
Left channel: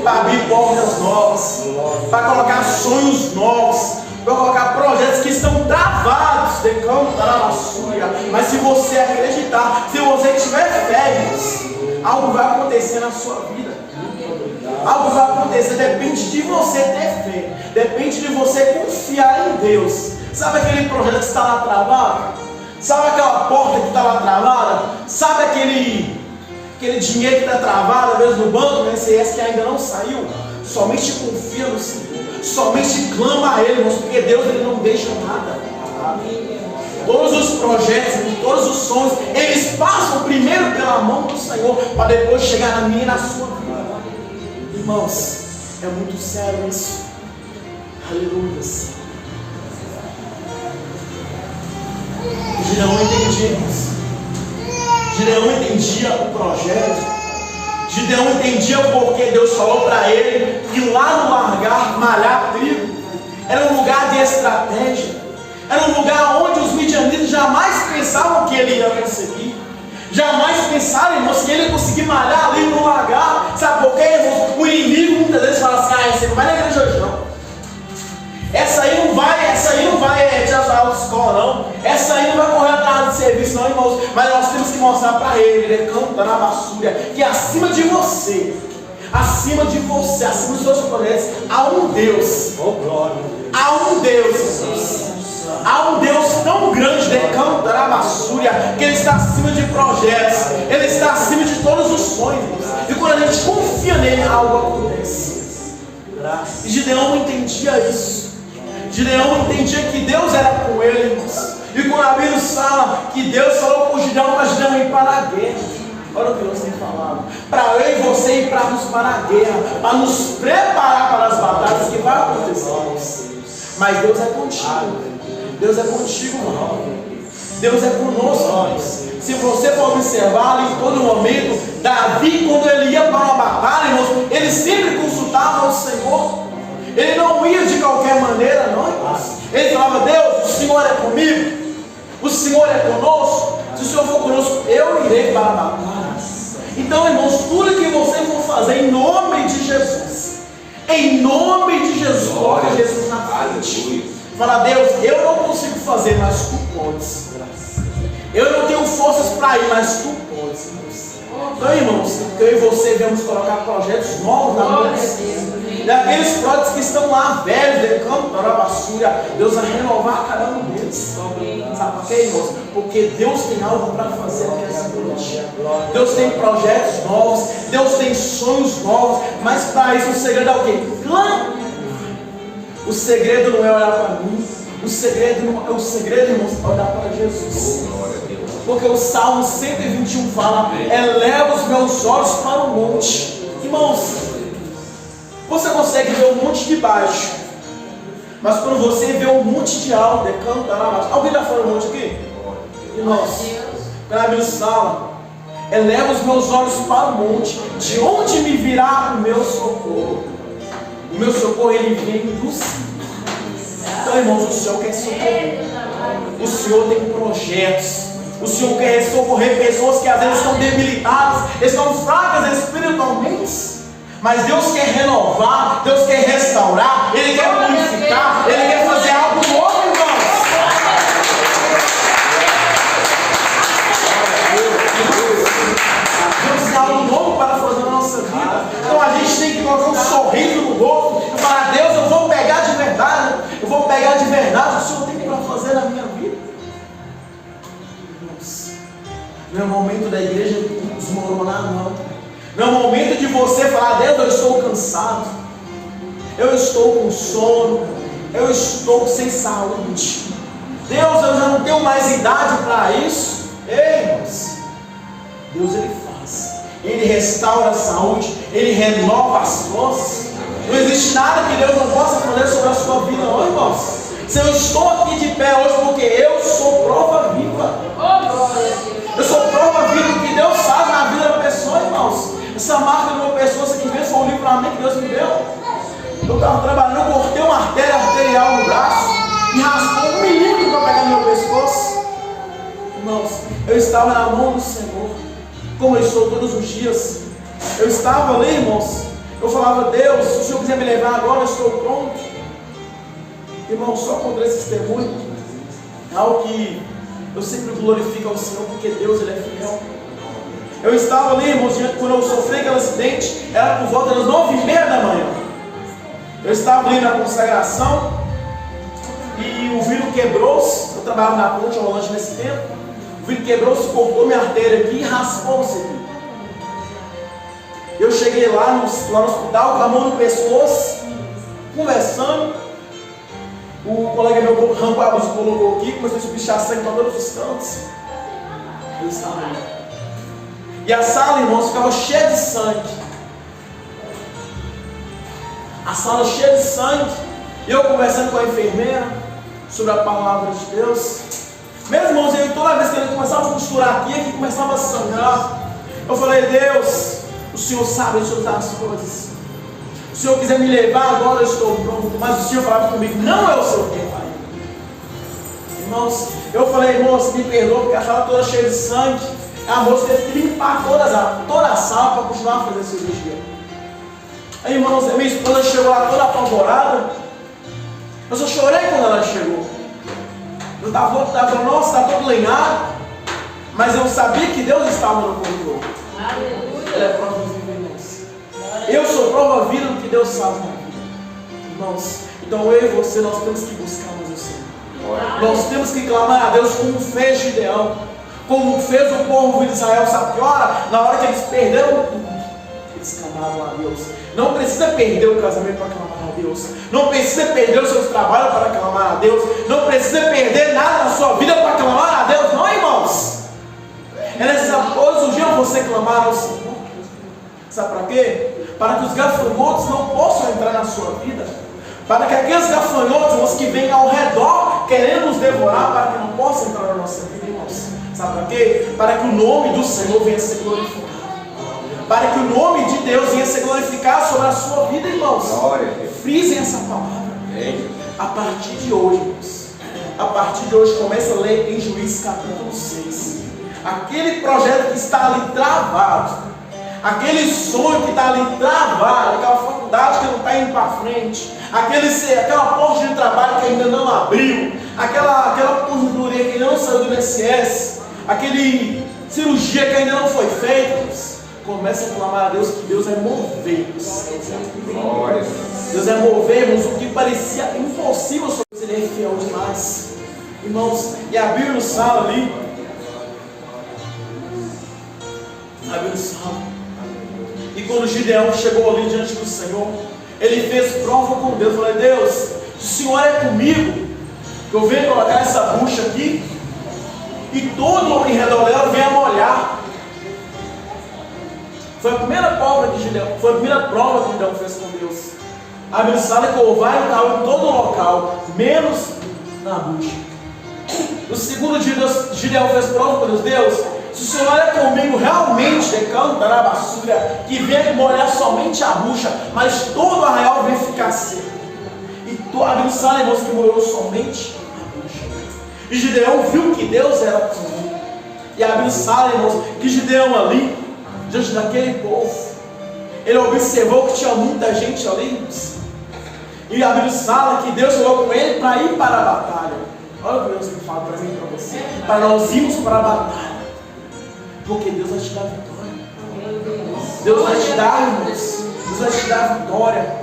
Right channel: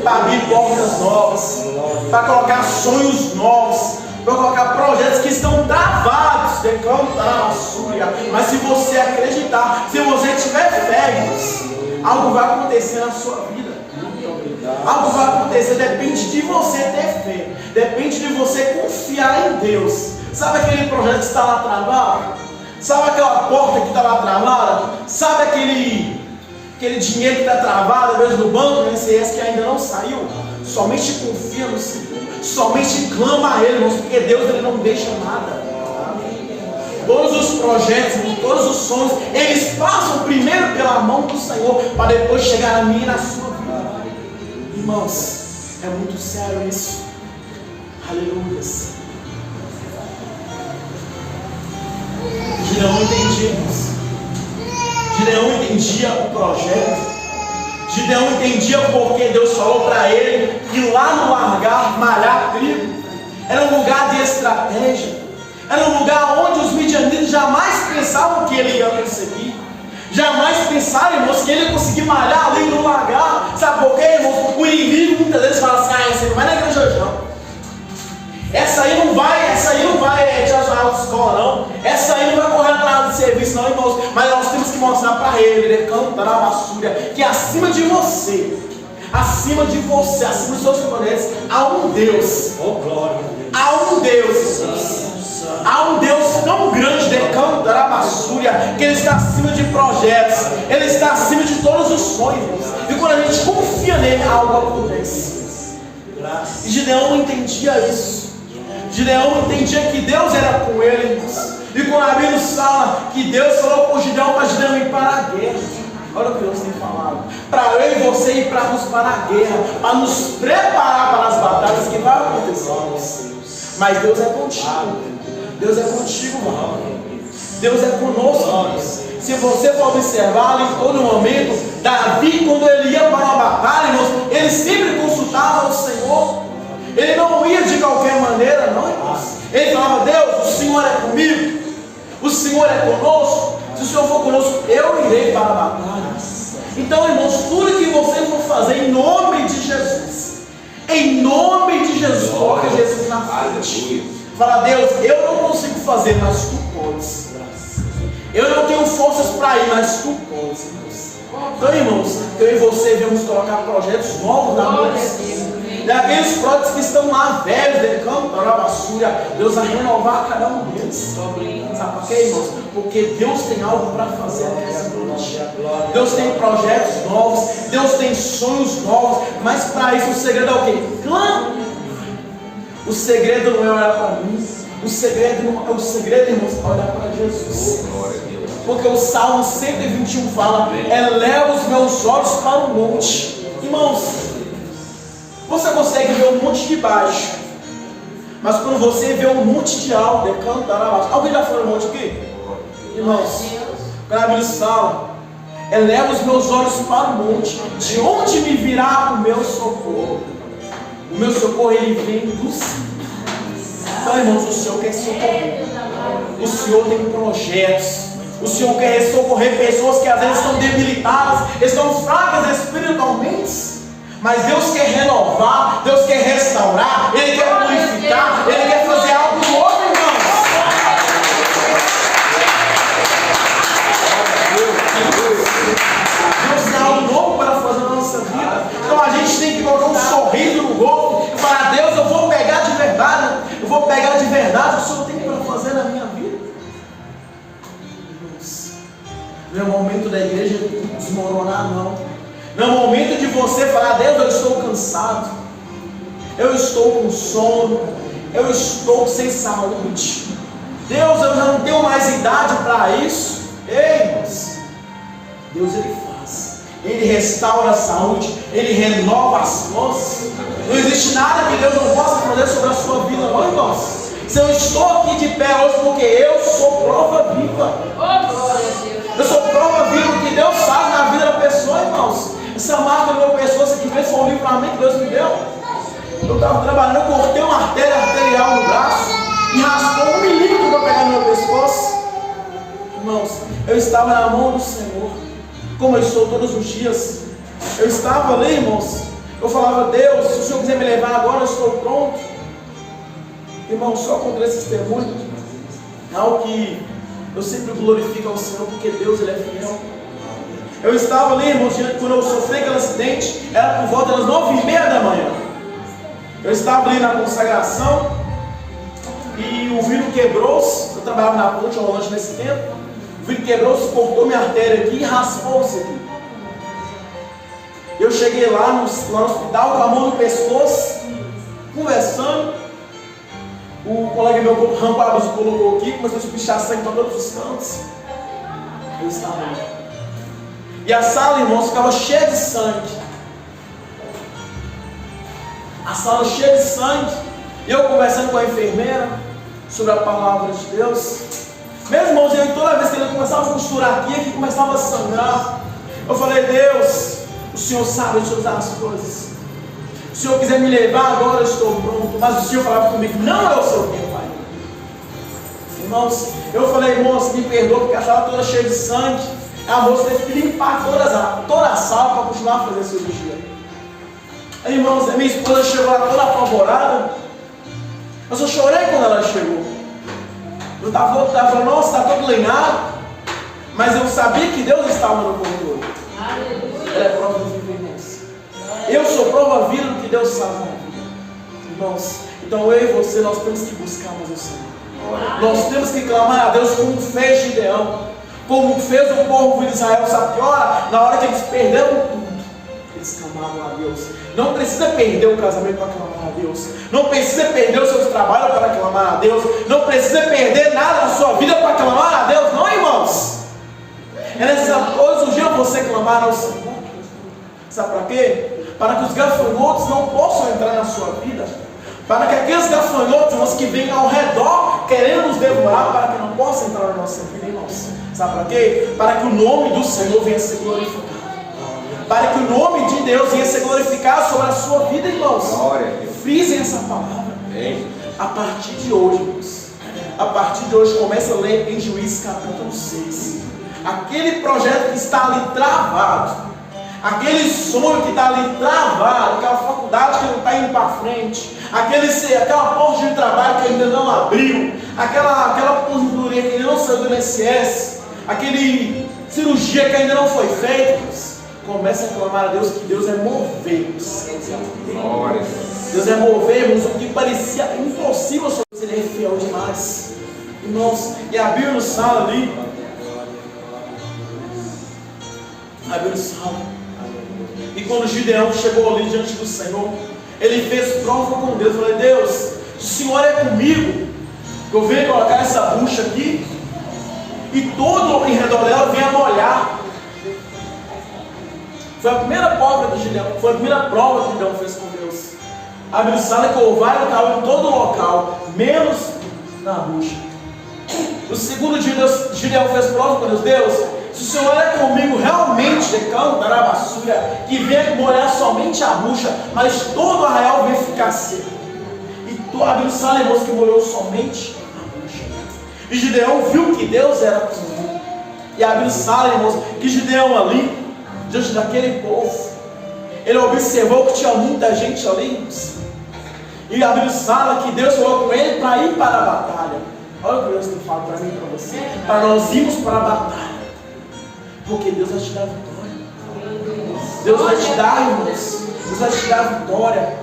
para abrir portas novas, para colocar sonhos novos, para colocar projetos que estão travados, mas se você acreditar, se você tiver fé, algo vai acontecer na sua vida. Algo vai acontecer, depende de você ter fé, depende de você confiar em Deus. Sabe aquele projeto que está lá travado? Sabe aquela porta que está lá travada? Sabe aquele dinheiro que está travado, às vezes no banco, no INSS, que ainda não saiu? Somente confia no Senhor, somente clama a Ele, irmãos, porque Deus Ele não deixa nada. Todos os projetos, todos os sonhos, eles passam primeiro pela mão do Senhor, para depois chegar na minha e na sua vida. Irmãos, é muito sério isso. Aleluia. Gideão entendia, irmãos. Gideão entendia o projeto. Gideão entendia porque Deus falou para ele que lá no largar, malhar trigo, era um lugar de estratégia. Era um lugar onde os midianitas jamais pensavam que ele ia conseguir. Jamais pensaram, irmãos, que ele ia conseguir malhar ali no largar. Sabe por quê, irmãos? O inimigo muitas vezes fala assim: você não vai na igreja hoje não. Essa aí não vai tirar sua aula de escola não. Essa aí não vai correr atrás de serviço não, irmãos. Mas nós temos que mostrar para ele cantar na vassoura, que acima de você, acima dos seus projetos, há um Deus. Há um Deus. Há um Deus tão grande, cantar a vassoura, que Ele está acima de projetos, Ele está acima de todos os sonhos. E quando a gente confia nele, algo acontece. E Gideão entendia isso. Gideão entendia que Deus era com ele, irmãos. E quando a Bíblia fala que Deus falou com Gideão para Gideão ir para a guerra, olha o que Deus tem falado: para eu e você ir para a guerra, para nos preparar para as batalhas que vai acontecer. Mas Deus é contigo. Deus é contigo, irmão. Deus é conosco, irmãos. Se você for observar ali em todo momento, Davi, quando ele ia para uma batalha, irmãos, ele sempre consultava o Senhor. Ele não ia de qualquer maneira, não, irmãos. Ele falava: Deus, o Senhor é comigo, o Senhor é conosco. Se o Senhor for conosco, eu irei para a batalha. Então, irmãos, tudo que você for fazer em nome de Jesus, em nome de Jesus, coloca Jesus na frente. Fala: Deus, eu não consigo fazer, mas tu podes. Eu não tenho forças para ir, mas tu podes, irmãos. Então, irmãos, que eu e você devemos colocar projetos novos na mão do Senhor. Daqueles projetos que estão lá velhos, de campo, da basura, Deus vai renovar cada um deles. Sabe por quê, irmãos? Porque Deus tem algo para fazer aqui essa noite. Deus tem projetos novos, Deus tem sonhos novos, mas para isso o segredo é o quê? Clama. O segredo não é olhar para mim, o segredo, irmãos, é olhar para Jesus. Porque o Salmo 121 fala: eleva os meus olhos para o monte. Irmãos, você consegue ver o monte de baixo, mas quando você vê o monte de alto, alguém já foi no monte aqui? Irmãos, quando a Bíblia fala: eleva os meus olhos para o monte, de onde me virá o meu socorro? O meu socorro, ele vem do Senhor. Então, irmãos, o Senhor quer socorrer. O Senhor tem projetos. O Senhor quer socorrer pessoas que às vezes estão debilitadas, estão fracas espiritualmente. Mas Deus quer renovar, Deus quer restaurar, Ele quer purificar, Ele quer fazer algo novo, irmãos. Deus tem algo novo para fazer na nossa vida. Então a gente tem que colocar um sorriso no rosto e falar: Deus, eu vou pegar de verdade, eu vou pegar de verdade o que o Senhor tem para fazer na minha vida. Irmãos, não é o momento da igreja desmoronar, não. Não é o momento de você falar: Deus, eu estou cansado. eu estou com sono, eu estou sem saúde. Deus, eu já não tenho mais idade para isso. Ei, irmãos, Deus ele faz, ele restaura a saúde, ele renova as forças. Não existe nada que Deus não possa fazer sobre a sua vida, não, irmãos. Se eu estou aqui de pé hoje, porque eu sou prova viva. Eu sou prova viva do que Deus faz na vida da pessoa, irmãos. Essa marca de uma pessoa, essa aqui mesmo foi um livramento que Deus me deu. Eu estava trabalhando, eu cortei uma artéria arterial no braço e raspou 1 milímetro para pegar no meu pescoço. Irmãos, eu estava na mão do Senhor, como eu estou todos os dias. Eu estava ali, irmãos. Eu falava, Deus, se o Senhor quiser me levar agora, eu estou pronto. Irmão, só contra esse testemunho é algo que eu sempre glorifico ao Senhor, porque Deus ele é fiel. Eu estava ali, irmãos, quando eu sofri aquele acidente, era por volta das 9h30 da manhã. Eu estava ali na consagração e o vidro quebrou-se. Eu trabalhava na ponte rolante nesse tempo. O vidro quebrou-se, cortou minha artéria aqui e raspou-se aqui. Eu cheguei lá no hospital com a mão no pescoço, conversando. O colega meu arrancou a luz, colocou aqui, começou a espichar sangue para todos os cantos. Eu estava ali. E a sala, irmãos, ficava cheia de sangue. A sala cheia de sangue. E eu conversando com a enfermeira sobre a palavra de Deus. Meus irmãos, toda vez que ele começava a costurar aqui começava a sangrar. Eu falei, Deus, o Senhor sabe de todas as coisas. Se o Senhor quiser me levar agora, eu estou pronto. Mas o Senhor falava comigo, não é o seu tempo ainda. Irmãos, eu falei, irmãos, me perdoa, porque a sala toda cheia de sangue. A moça teve que limpar toda a sala para continuar a fazer a cirurgia. Aí, irmãos, a minha esposa chegou lá toda apavorada. Eu só chorei quando ela chegou. Eu estava falando, nossa, está todo lenhado. Mas eu sabia que Deus estava no controle. Aleluia. Ela é prova viva, irmãos. Eu sou prova viva do que Deus faz na minha vida. Irmãos, então eu e você, nós temos que buscar mais o Senhor. Nós temos que clamar a Deus como fez Gideão. Como fez o povo de Israel, sabe que hora? Na hora que eles perderam tudo, eles clamavam a Deus. Não precisa perder o casamento para clamar a Deus. Não precisa perder os seus trabalhos para clamar a Deus. Não precisa perder nada na sua vida para clamar a Deus, não, irmãos. É necessário todos os dias você clamar ao Senhor. Sabe para quê? Para que os gafanhotos não possam entrar na sua vida. Para que aqueles gafanhotos, irmãos, que vêm ao redor querendo nos devorar, para que não possam entrar na nossa vida, irmãos. Sabe para quê? Para que o nome do Senhor venha a ser glorificado. Para que o nome de Deus venha a ser glorificado sobre a sua vida, irmãos. Frisem essa palavra. A partir de hoje, irmãos. A partir de hoje, começa a ler em Juízes capítulo 6. Aquele projeto que está ali travado. Aquele sonho que está ali travado. Aquela faculdade que não está indo para frente. Aquela porta de trabalho que ainda não abriu. Aquela aposentadoria que ainda não saiu do INSS. Aquele cirurgia que ainda não foi feita. Comece a clamar a Deus, que Deus é mover. Deus é mover, irmãos, o que parecia impossível sobre Deus, Ele é fiel demais. Irmãos, e a Bíblia nos fala ali. A Bíblia nos fala. E quando Gideão chegou ali diante do Senhor, ele fez prova com Deus. Eu falei, Deus, se o Senhor é comigo, eu venho colocar essa bucha aqui, e todo em redor dela vem a molhar. Foi a primeira prova que Gideão fez com Deus. A Bíblia fala que o orvalho caiu em todo o local, menos na bucha. No segundo dia, Gideão fez prova com Deus. Deus, se o Senhor é comigo, realmente cantará a basura, que vem molhar somente a bucha, mas todo o arraial vem ficar seco. E a Bíblia fala, irmãos, que molhou somente a bucha. E Gideão viu que Deus era com ele. E a Bíblia fala, irmãos, que Gideão ali, diante daquele povo, ele observou que tinha muita gente ali, irmãos. E a Bíblia fala que Deus falou com ele para ir para a batalha. Olha o que Deus tem falado para mim e para você. Para nós irmos para a batalha. Porque Deus vai te dar vitória. Deus vai te dar, irmãos. Deus vai te dar vitória.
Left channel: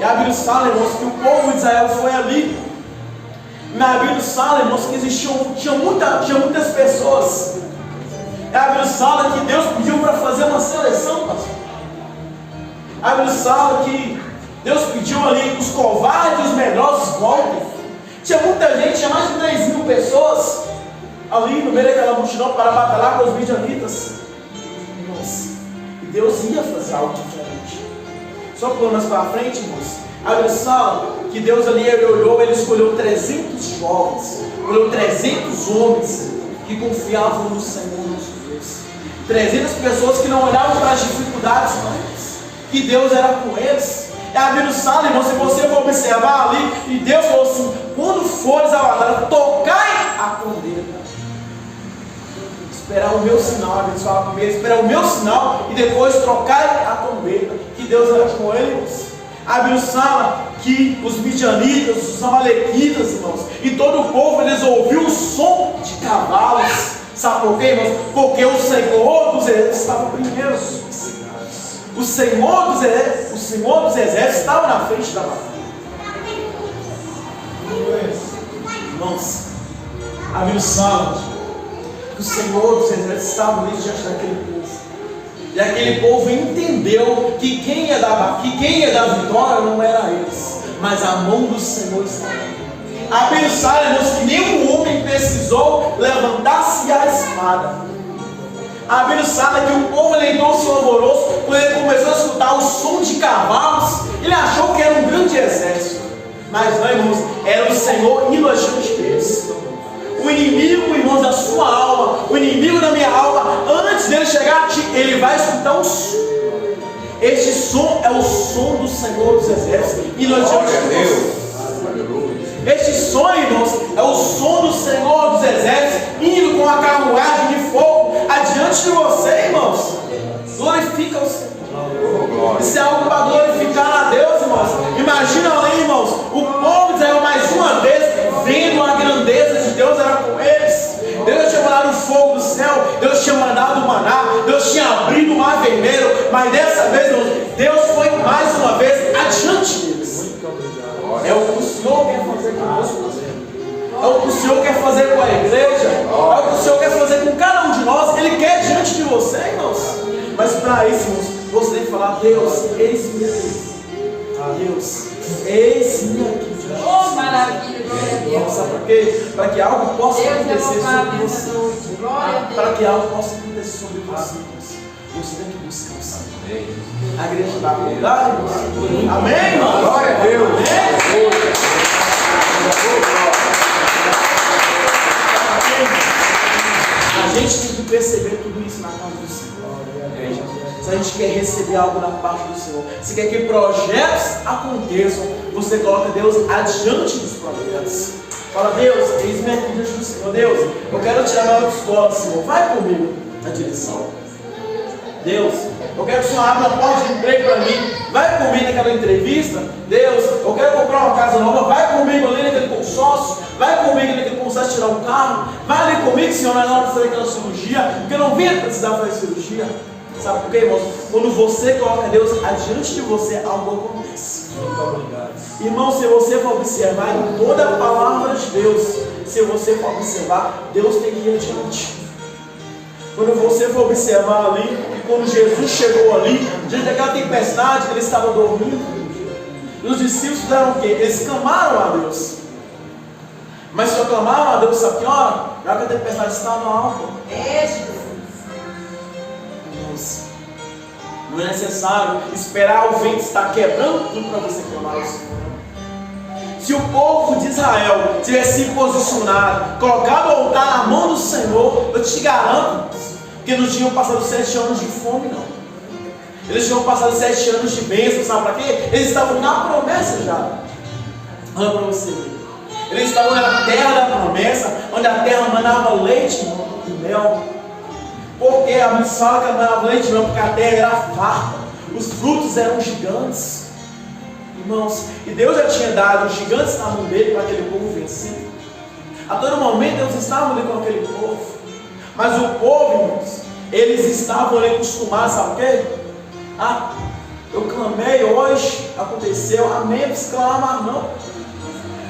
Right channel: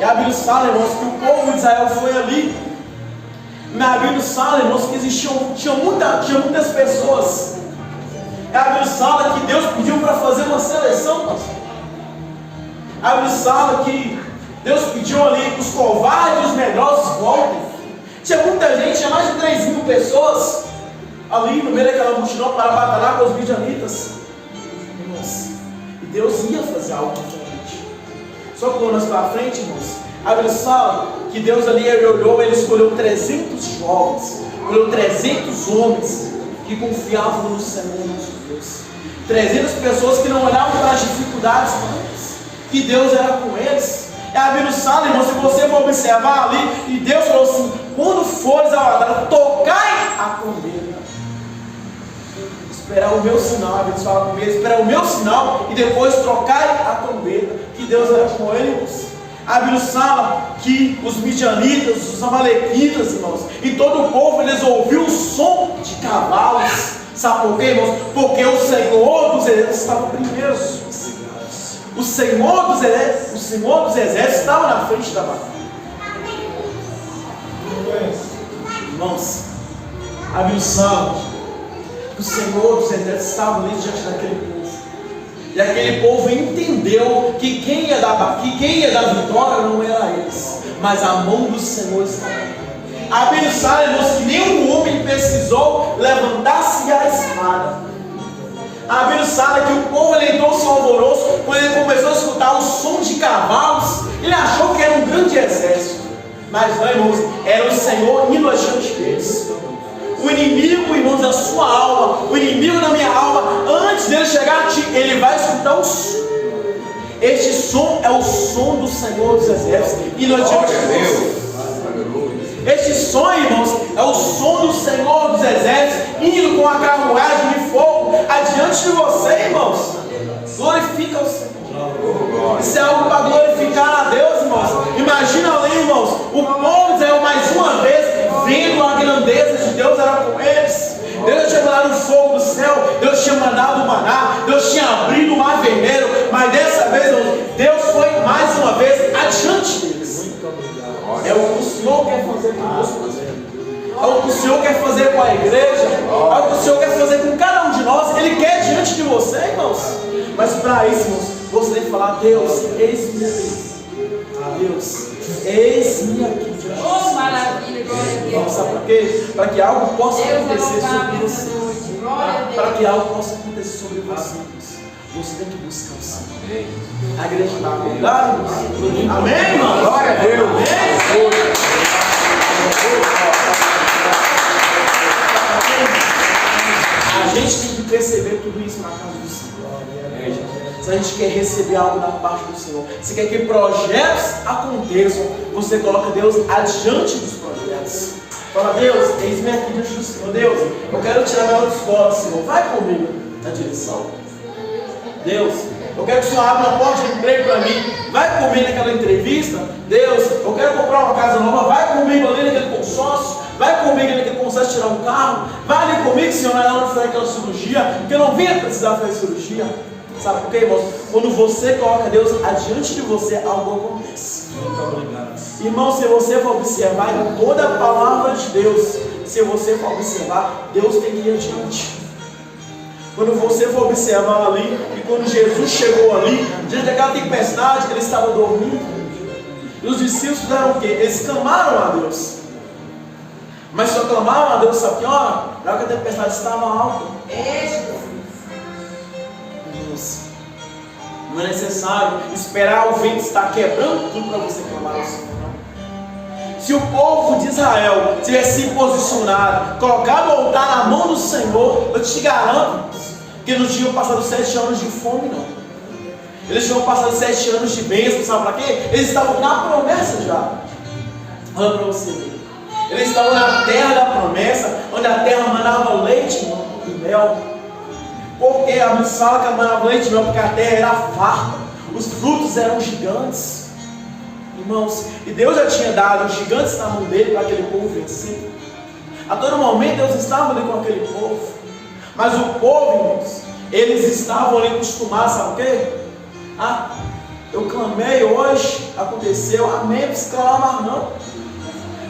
E a Bíblia fala, irmãos, que o povo de Israel foi ali. Na Bíblia fala, irmãos, que tinha muitas pessoas. A Bíblia fala que Deus pediu para fazer uma seleção, pastor. A Bíblia fala que Deus pediu ali que os covardes e os medrosos voltem. Tinha muita gente, tinha mais de 3.000 pessoas ali no meio daquela multidão para batalhar com os midianitas. Irmãos, e Deus ia fazer algo diferente. Só que mais para frente, irmãos, a Bíblia fala que Deus ali olhou, ele escolheu 300 jovens, olhou 300 homens que confiavam no Senhor nosso Deus. 300 pessoas que não olhavam para as dificuldades, mas que Deus era com eles. E a Bíblia fala, irmão, se você for observar ali, e Deus falou assim: quando fores à batalha, tocai a trombeta. Esperar o meu sinal, a Bíblia fala primeiro, esperar o meu sinal e depois trocai a trombeta. Que Deus era com eles. A Bíblia fala que os midianitas, os amalequitas, irmãos, e todo o povo, eles ouviram o som de cavalos. Sabe por quê, irmãos? Porque o Senhor dos Exércitos estava primeiro. O Senhor dos Exércitos estava na frente da batalha. Irmãos, a Bíblia fala que o Senhor dos Exércitos estava ali diante daquele povo. E aquele povo entendeu que quem ia dar vitória não era eles, mas a mão do Senhor estava ali. A Bíblia fala, irmãos, que nenhum homem precisou levantar-se a espada. A Bíblia fala que o povo entrou-se alvoroço quando ele começou a escutar o som de cavalos. Ele achou que era um grande exército, mas não, irmãos, era o Senhor indo adiante deles. O inimigo, irmãos, da sua alma, o inimigo da minha alma, antes dele chegar a ti, ele vai escutar um som. Este som é o som do Senhor dos Exércitos indo adiante de você. Este som, irmãos, é o som do Senhor dos Exércitos indo com a carruagem de fogo adiante de você, irmãos. Glorifica o Senhor. Isso é algo para glorificar a Deus, irmãos. Imagina ali, irmãos, o povo de Israel mais uma vez vendo a grandeza de Deus era com eles. Deus tinha mandado o fogo do céu, Deus tinha mandado o maná, Deus tinha abrido o mar vermelho, mas dessa vez, irmãos, Deus foi mais uma vez adiante deles. É o que o Senhor quer fazer conosco. É o que o Senhor quer fazer com a igreja. É o que o Senhor quer fazer com cada um de nós. Ele quer diante de você, irmãos. Mas para isso, irmãos, você tem que falar: Deus, eis-me aqui. Deus, eis-me aqui diante de você. Oh, maravilha. Irmãos, sabe por quê? Para que algo possa acontecer sobre você. Para que algo possa acontecer sobre você, você tem que buscar o Senhor. A igreja está acordada, irmãos? Amém, irmão? Glória a Deus. Amém? A gente tem que perceber tudo isso na casa do Senhor. Se a gente quer receber algo da parte do Senhor, se quer que projetos aconteçam, você coloca Deus adiante dos projetos. Fala: Deus, eis-me aqui diante do Senhor. Deus, eu quero tirar a autoescola, Senhor. Vai comigo na direção. Deus, eu quero que o Senhor abra uma porta de emprego para mim. Vai comigo naquela entrevista. Deus, eu quero comprar uma casa nova. Vai comigo ali naquele consórcio. Vai comigo naquele consórcio tirar um carro. Vai ali comigo, Senhor, na hora de fazer aquela cirurgia, porque eu não venho precisar fazer cirurgia. Sabe por quê, irmãos? Quando você coloca Deus adiante de você, algo acontece. Irmão, se você for observar em toda a palavra de Deus, se você for observar, Deus tem que ir adiante. Quando você for observar ali, e quando Jesus chegou ali, diante daquela tempestade, ele estava dormindo. E os discípulos fizeram o quê? Eles clamaram a Deus. Mas só clamaram a Deus, sabe que hora? Na hora que a tempestade estava alta. Não é necessário esperar o vento estar quebrando tudo para você clamar ao Senhor. Se o povo de Israel tivesse se posicionado, colocado o altar na mão do Senhor, eu te garanto que não tinham passado 7 anos de fome, não. Eles tinham passado 7 anos de bênção, sabe para quê? Eles estavam na promessa já. Olha para você ver. Eles estavam na terra da promessa, onde a terra mandava leite e mel. Porque a Bíblia fala que mandava leite e mel, porque a terra era farta, os frutos eram gigantes. Irmãos, e Deus já tinha dado os gigantes na mão dele para aquele povo vencer. A todo momento Deus estava ali com aquele povo. Mas o povo, irmãos, eles estavam ali acostumados, sabe o quê? Ah, eu clamei hoje, aconteceu, amém, eu preciso clamar não.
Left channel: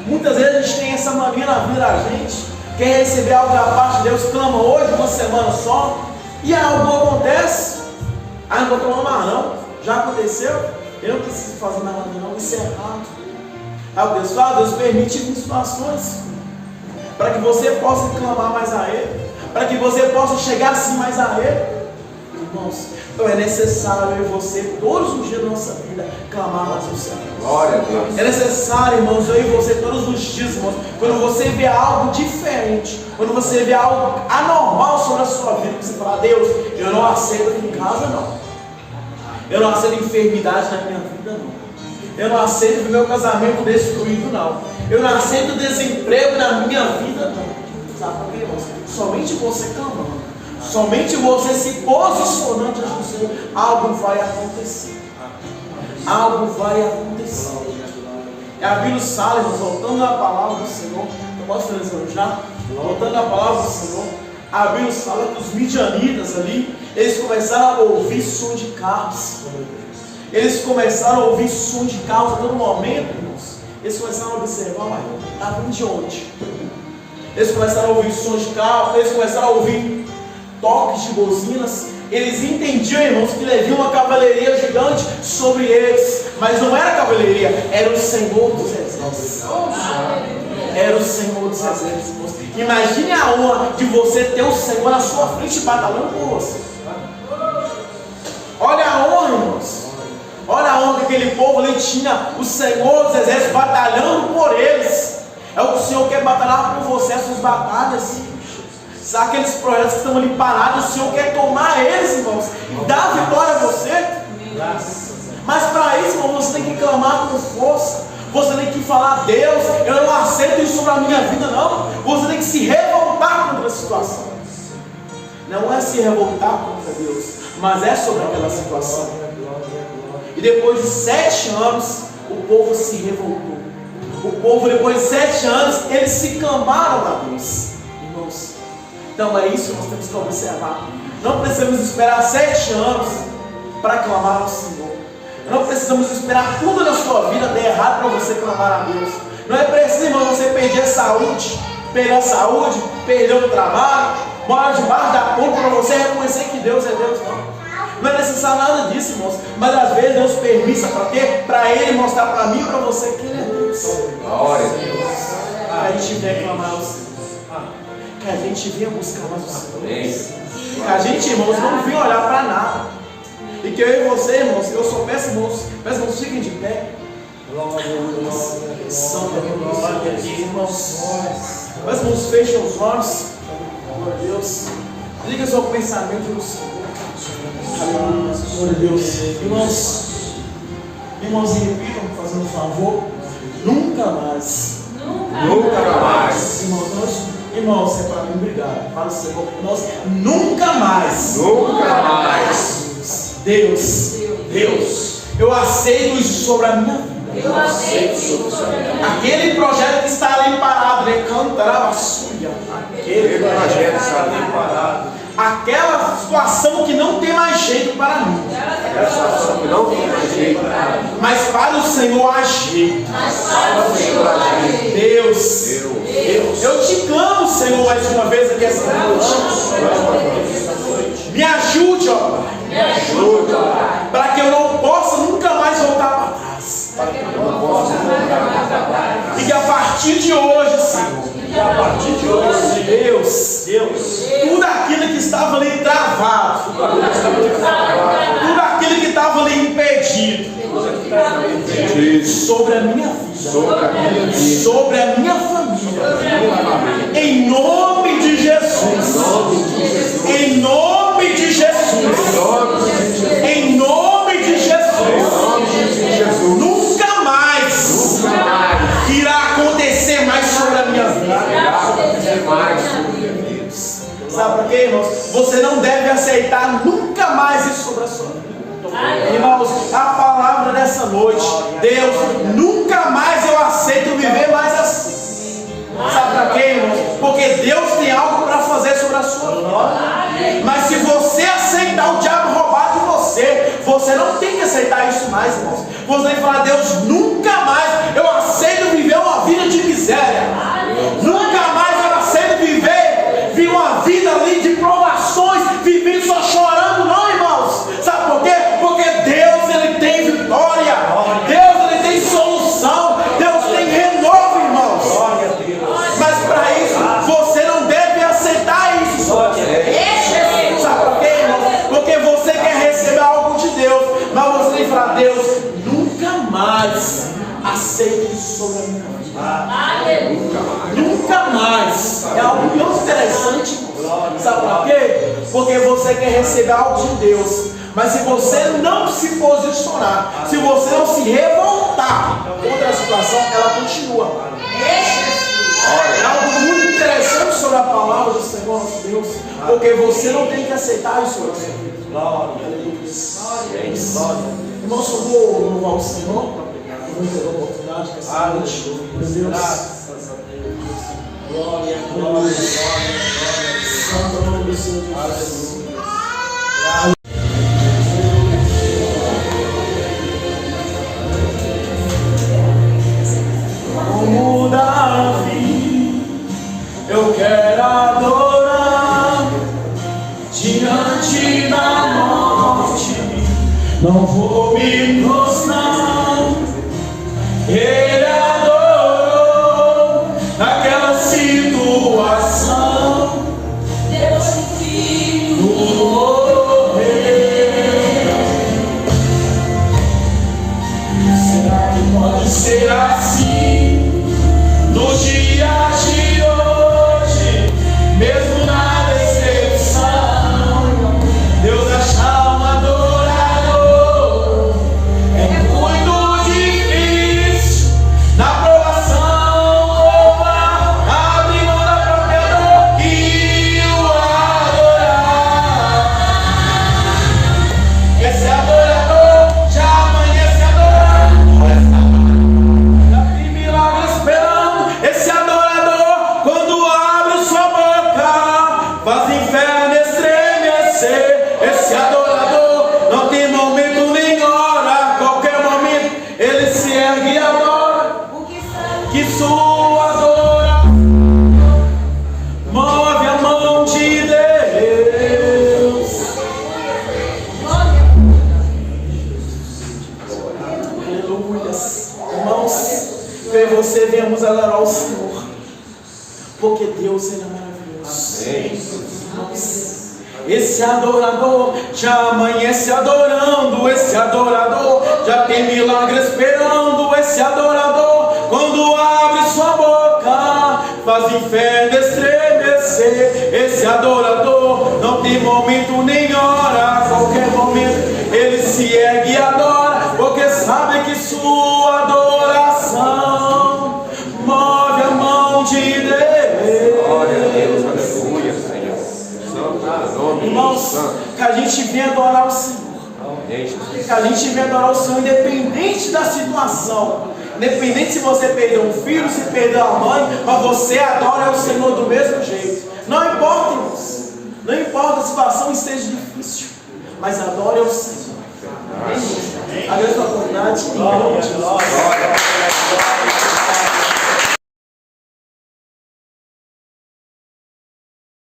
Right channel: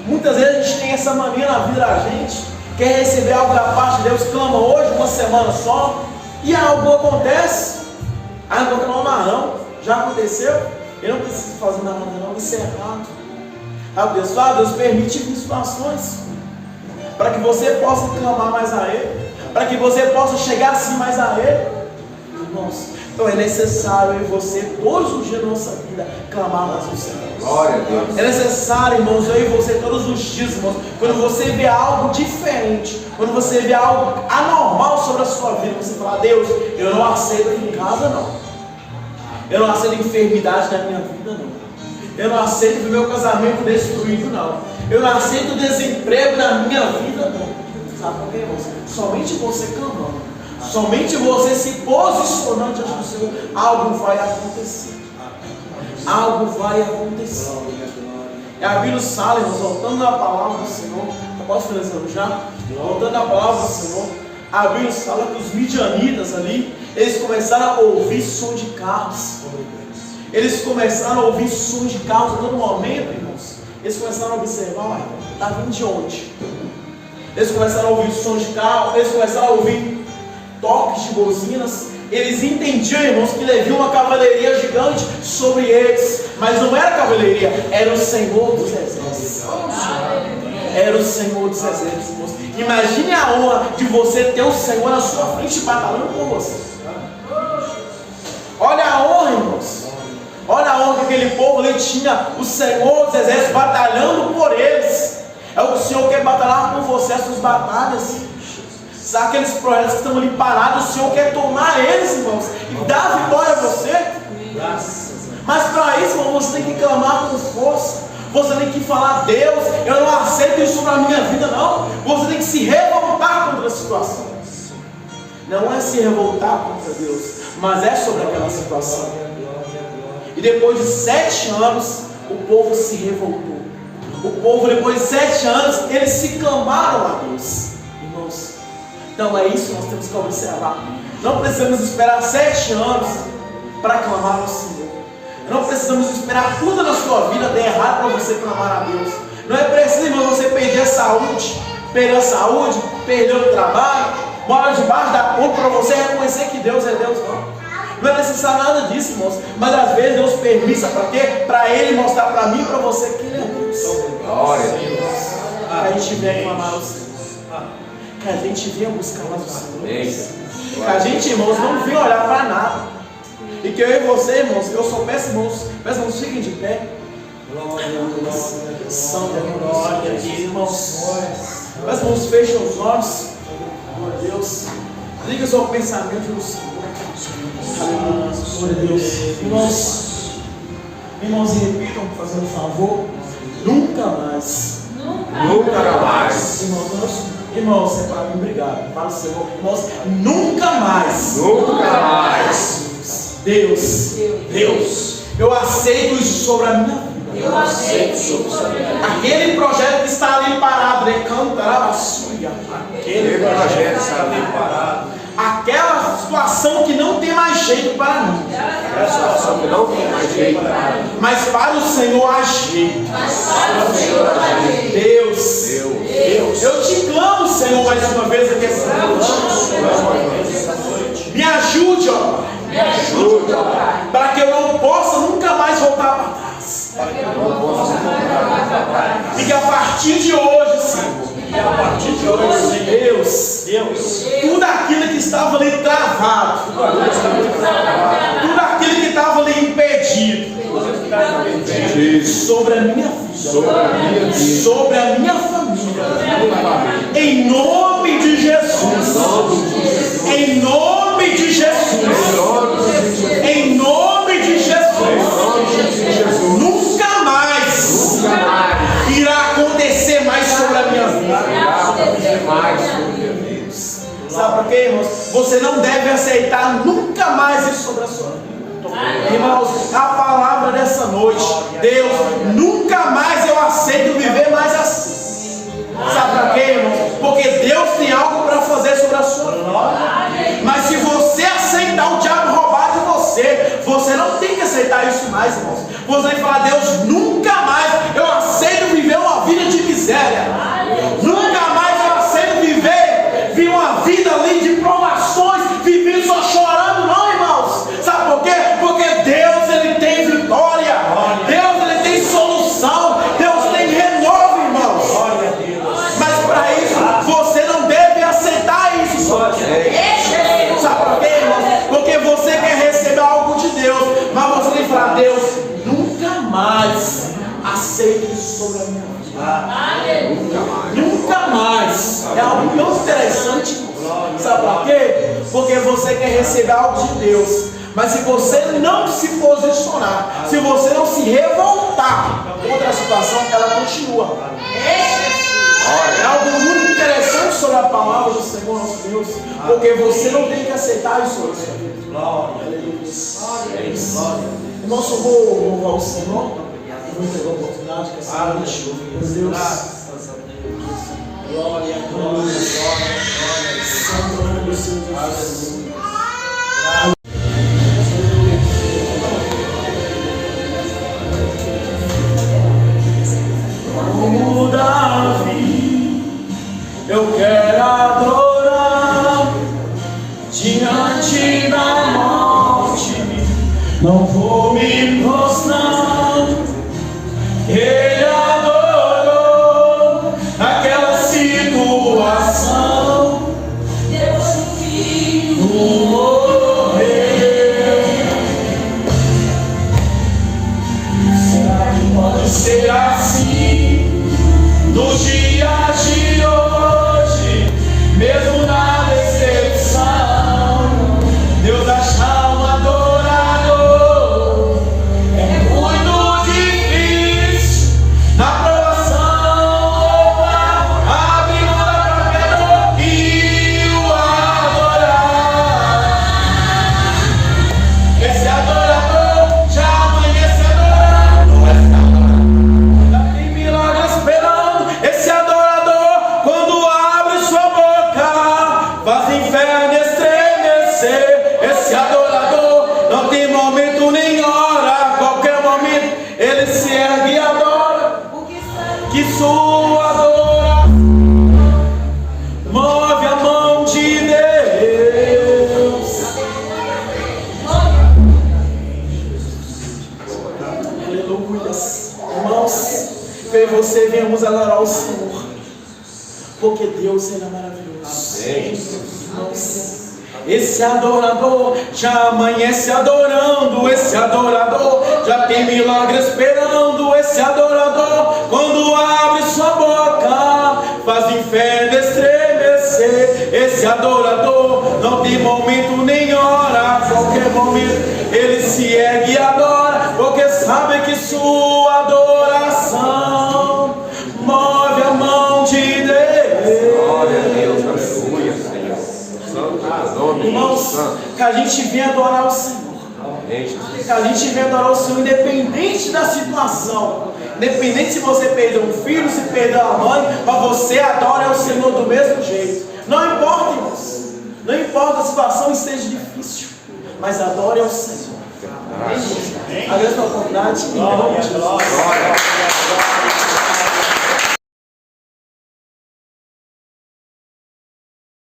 Muitas vezes a gente tem essa mania na vida da gente, quer receber algo da parte de Deus, clama hoje, uma semana só, e algo acontece. Ah, não vou clamar não, já aconteceu. Ele não precisa fazer nada não, isso é errado. Aí Deus permite situações para que você possa clamar mais a Ele, para que você possa chegar assim mais a Ele. Irmãos, então é necessário eu e você, todos os dias da nossa vida, clamar mais ao Senhor. Glória a Deus. É necessário, irmãos, eu e você, todos os dias, irmãos, quando você vê algo diferente, quando você vê algo anormal sobre a sua vida, você fala: Deus, eu não aceito aqui em casa não, eu não aceito enfermidade na minha vida não, eu não aceito ver meu casamento destruído não, eu não aceito desemprego na minha vida não. Sabe por quê, irmãos? Somente você clamando, somente você se posicionando diante do Senhor, algo vai acontecer. Algo vai acontecer. E a Bíblia fala, irmãos, voltando na palavra do Senhor, eu posso finalizar já? Voltando na palavra do Senhor, a Bíblia fala que os midianitas ali, eles começaram a ouvir som de carros. Eles começaram a ouvir som de carros a todo momento, irmãos. Eles começaram a observar: está vindo de onde? Eles começaram a ouvir som de carro, eles começaram a ouvir toques de buzinas. Eles entendiam, irmãos, que havia uma cavalaria gigante sobre eles, mas não era cavalaria, era o Senhor dos Exércitos. Era o Senhor dos Exércitos, irmãos. Imagine a honra de você ter o Senhor na sua frente batalhando por você. Olha a honra, irmãos. Olha a honra que aquele povo ali tinha, o Senhor dos Exércitos batalhando por eles. É o que o Senhor quer batalhar por você, as suas batalhas. Sabe aqueles projetos que estão ali parados, o Senhor quer tomar eles, irmãos, e dar vitória a você. Mas para isso, irmão, você tem que clamar com força. Você tem que falar: Deus, eu não aceito isso sobre a minha vida não. Você tem que se revoltar contra a situação. Não é se revoltar contra Deus, mas é sobre aquela situação. E depois de 7 anos, o povo se revoltou. O povo, depois de 7 anos, eles se clamaram a Deus. Irmãos, então é isso que nós temos que observar. Não precisamos esperar 7 anos para clamar ao Senhor. Não precisamos esperar tudo na sua vida der errado para você clamar a Deus. Não é preciso, irmão, você perder a saúde, perder o trabalho, morar debaixo da ponte para você reconhecer que Deus é Deus, não. Não é necessário nada disso, irmãos. Mas às vezes Deus permite para quê? Para Ele mostrar para mim e para você que Ele é Deus. Glória a Deus. Que a gente venha clamar ao Senhor. Que a gente venha buscar mais o Senhor. Que a gente, irmãos, não venha olhar para nada. E que eu e você, irmãos, eu só peço, irmãos, fiquem de pé. Santo glória aqui, irmãos. Mas, irmãos, fechem os olhos. Glória a Deus. Liga o seu pensamento no Senhor. Aleluia. Glória a Deus. Irmãos, e repitam, fazendo um favor. Nunca mais. Nunca mais. Irmãos, é para mim, obrigado. Para o Senhor, irmãos, nunca mais. Nunca mais. Deus, eu aceito isso sobre a minha vida. Eu aceito isso sobre a minha vida. Aquele projeto que está ali parado, cantará a sua. Aquele projeto está ali parado. Aquela situação que não tem mais jeito para mim. Aquela situação que não tem mais jeito para mim. Mas para o Senhor agir. Para o Senhor agir. Deus. Eu te clamo, Senhor, mais uma vez aqui essa noite. Me ajude, ó Pai. Me ajude, ó Pai. Para que eu não possa nunca mais voltar para trás. Para que eu não possa voltar para trás. E que a partir de hoje, Senhor, Deus, tudo aquilo que estava ali travado, tudo aquilo que estava ali impedido, sobre a minha vida, sobre a minha família, em nome de Jesus, em nome de Jesus, em nome de Jesus, nunca mais irá acontecer mais sobre a minha vida. Sabe por quê, irmãos? Você não deve aceitar nunca mais isso sobre a sua vida. Irmãos, a palavra dessa noite: Deus, nunca mais eu aceito viver mais assim. Sabe por quê, irmãos? Porque Deus tem algo para fazer sobre a sua vida. Mas se você aceitar o diabo roubar de você, você não tem que aceitar isso mais, irmãos. Você vai falar: Deus, nunca mais eu aceito viver uma vida de miséria. Nunca mais eu aceito viver uma vida ali de provações, viver só chorando, não, irmãos. Sabe por quê? Porque Deus, Ele tem vitória. muito interessante. Sabe para quê? Porque você quer receber algo de Deus. Mas se você não se posicionar, se você não se revoltar contra a situação, ela continua. É algo muito interessante sobre a palavra do Senhor nosso Deus, porque você não tem que aceitar isso na sua vida. Irmãos, eu vou louvar o Senhor. Eu vou ter a oportunidade que essa noite, meu Deus. Glória, glória, glória. Santo nome do Senhor. Aleluia. Como Davi, eu quero adorar diante da morte. Não vou me prostrar. Ele adorou naquela situação. Deus Filho morreu. Será que pode ser assim no dia de hoje, mesmo na decepção? Deus achar um adorador é muito difícil. Na provação, abre mão da própria dor e o adorar. Esse adorador já amanhece adorando. Já tem milagre esperando. Esse adorador, quando abre sua boca, faz o inferno estremecer. Esse adorador não tem momento nem hora. A qualquer momento ele se ergue e adora. Que sua adoração move a mão de Deus. Aleluia. Irmãos, eu e você viemos adorar o Senhor, porque Deus ele é maravilhoso. Irmãos, esse adorador já amanhece adorando. Esse adorador já tem milagre esperando. Esse adorador, quando abre sua boca, faz o inferno estremecer. Esse adorador não tem momento nem hora. A qualquer momento ele se ergue e adora, porque sabe que sua adoração move a mão de Deus. Glória a Deus, aleluia, Senhor. Irmãos, que a gente vem adorar o Senhor. Que a gente vem adorar o Senhor independente da situação. Independente se você perdeu um filho, se perdeu a mãe, mas você adora o Senhor do mesmo jeito. Não importa, irmãos. Não importa a situação esteja difícil, mas adore ao Senhor. Amém? A grande oportunidade em nome de Jesus.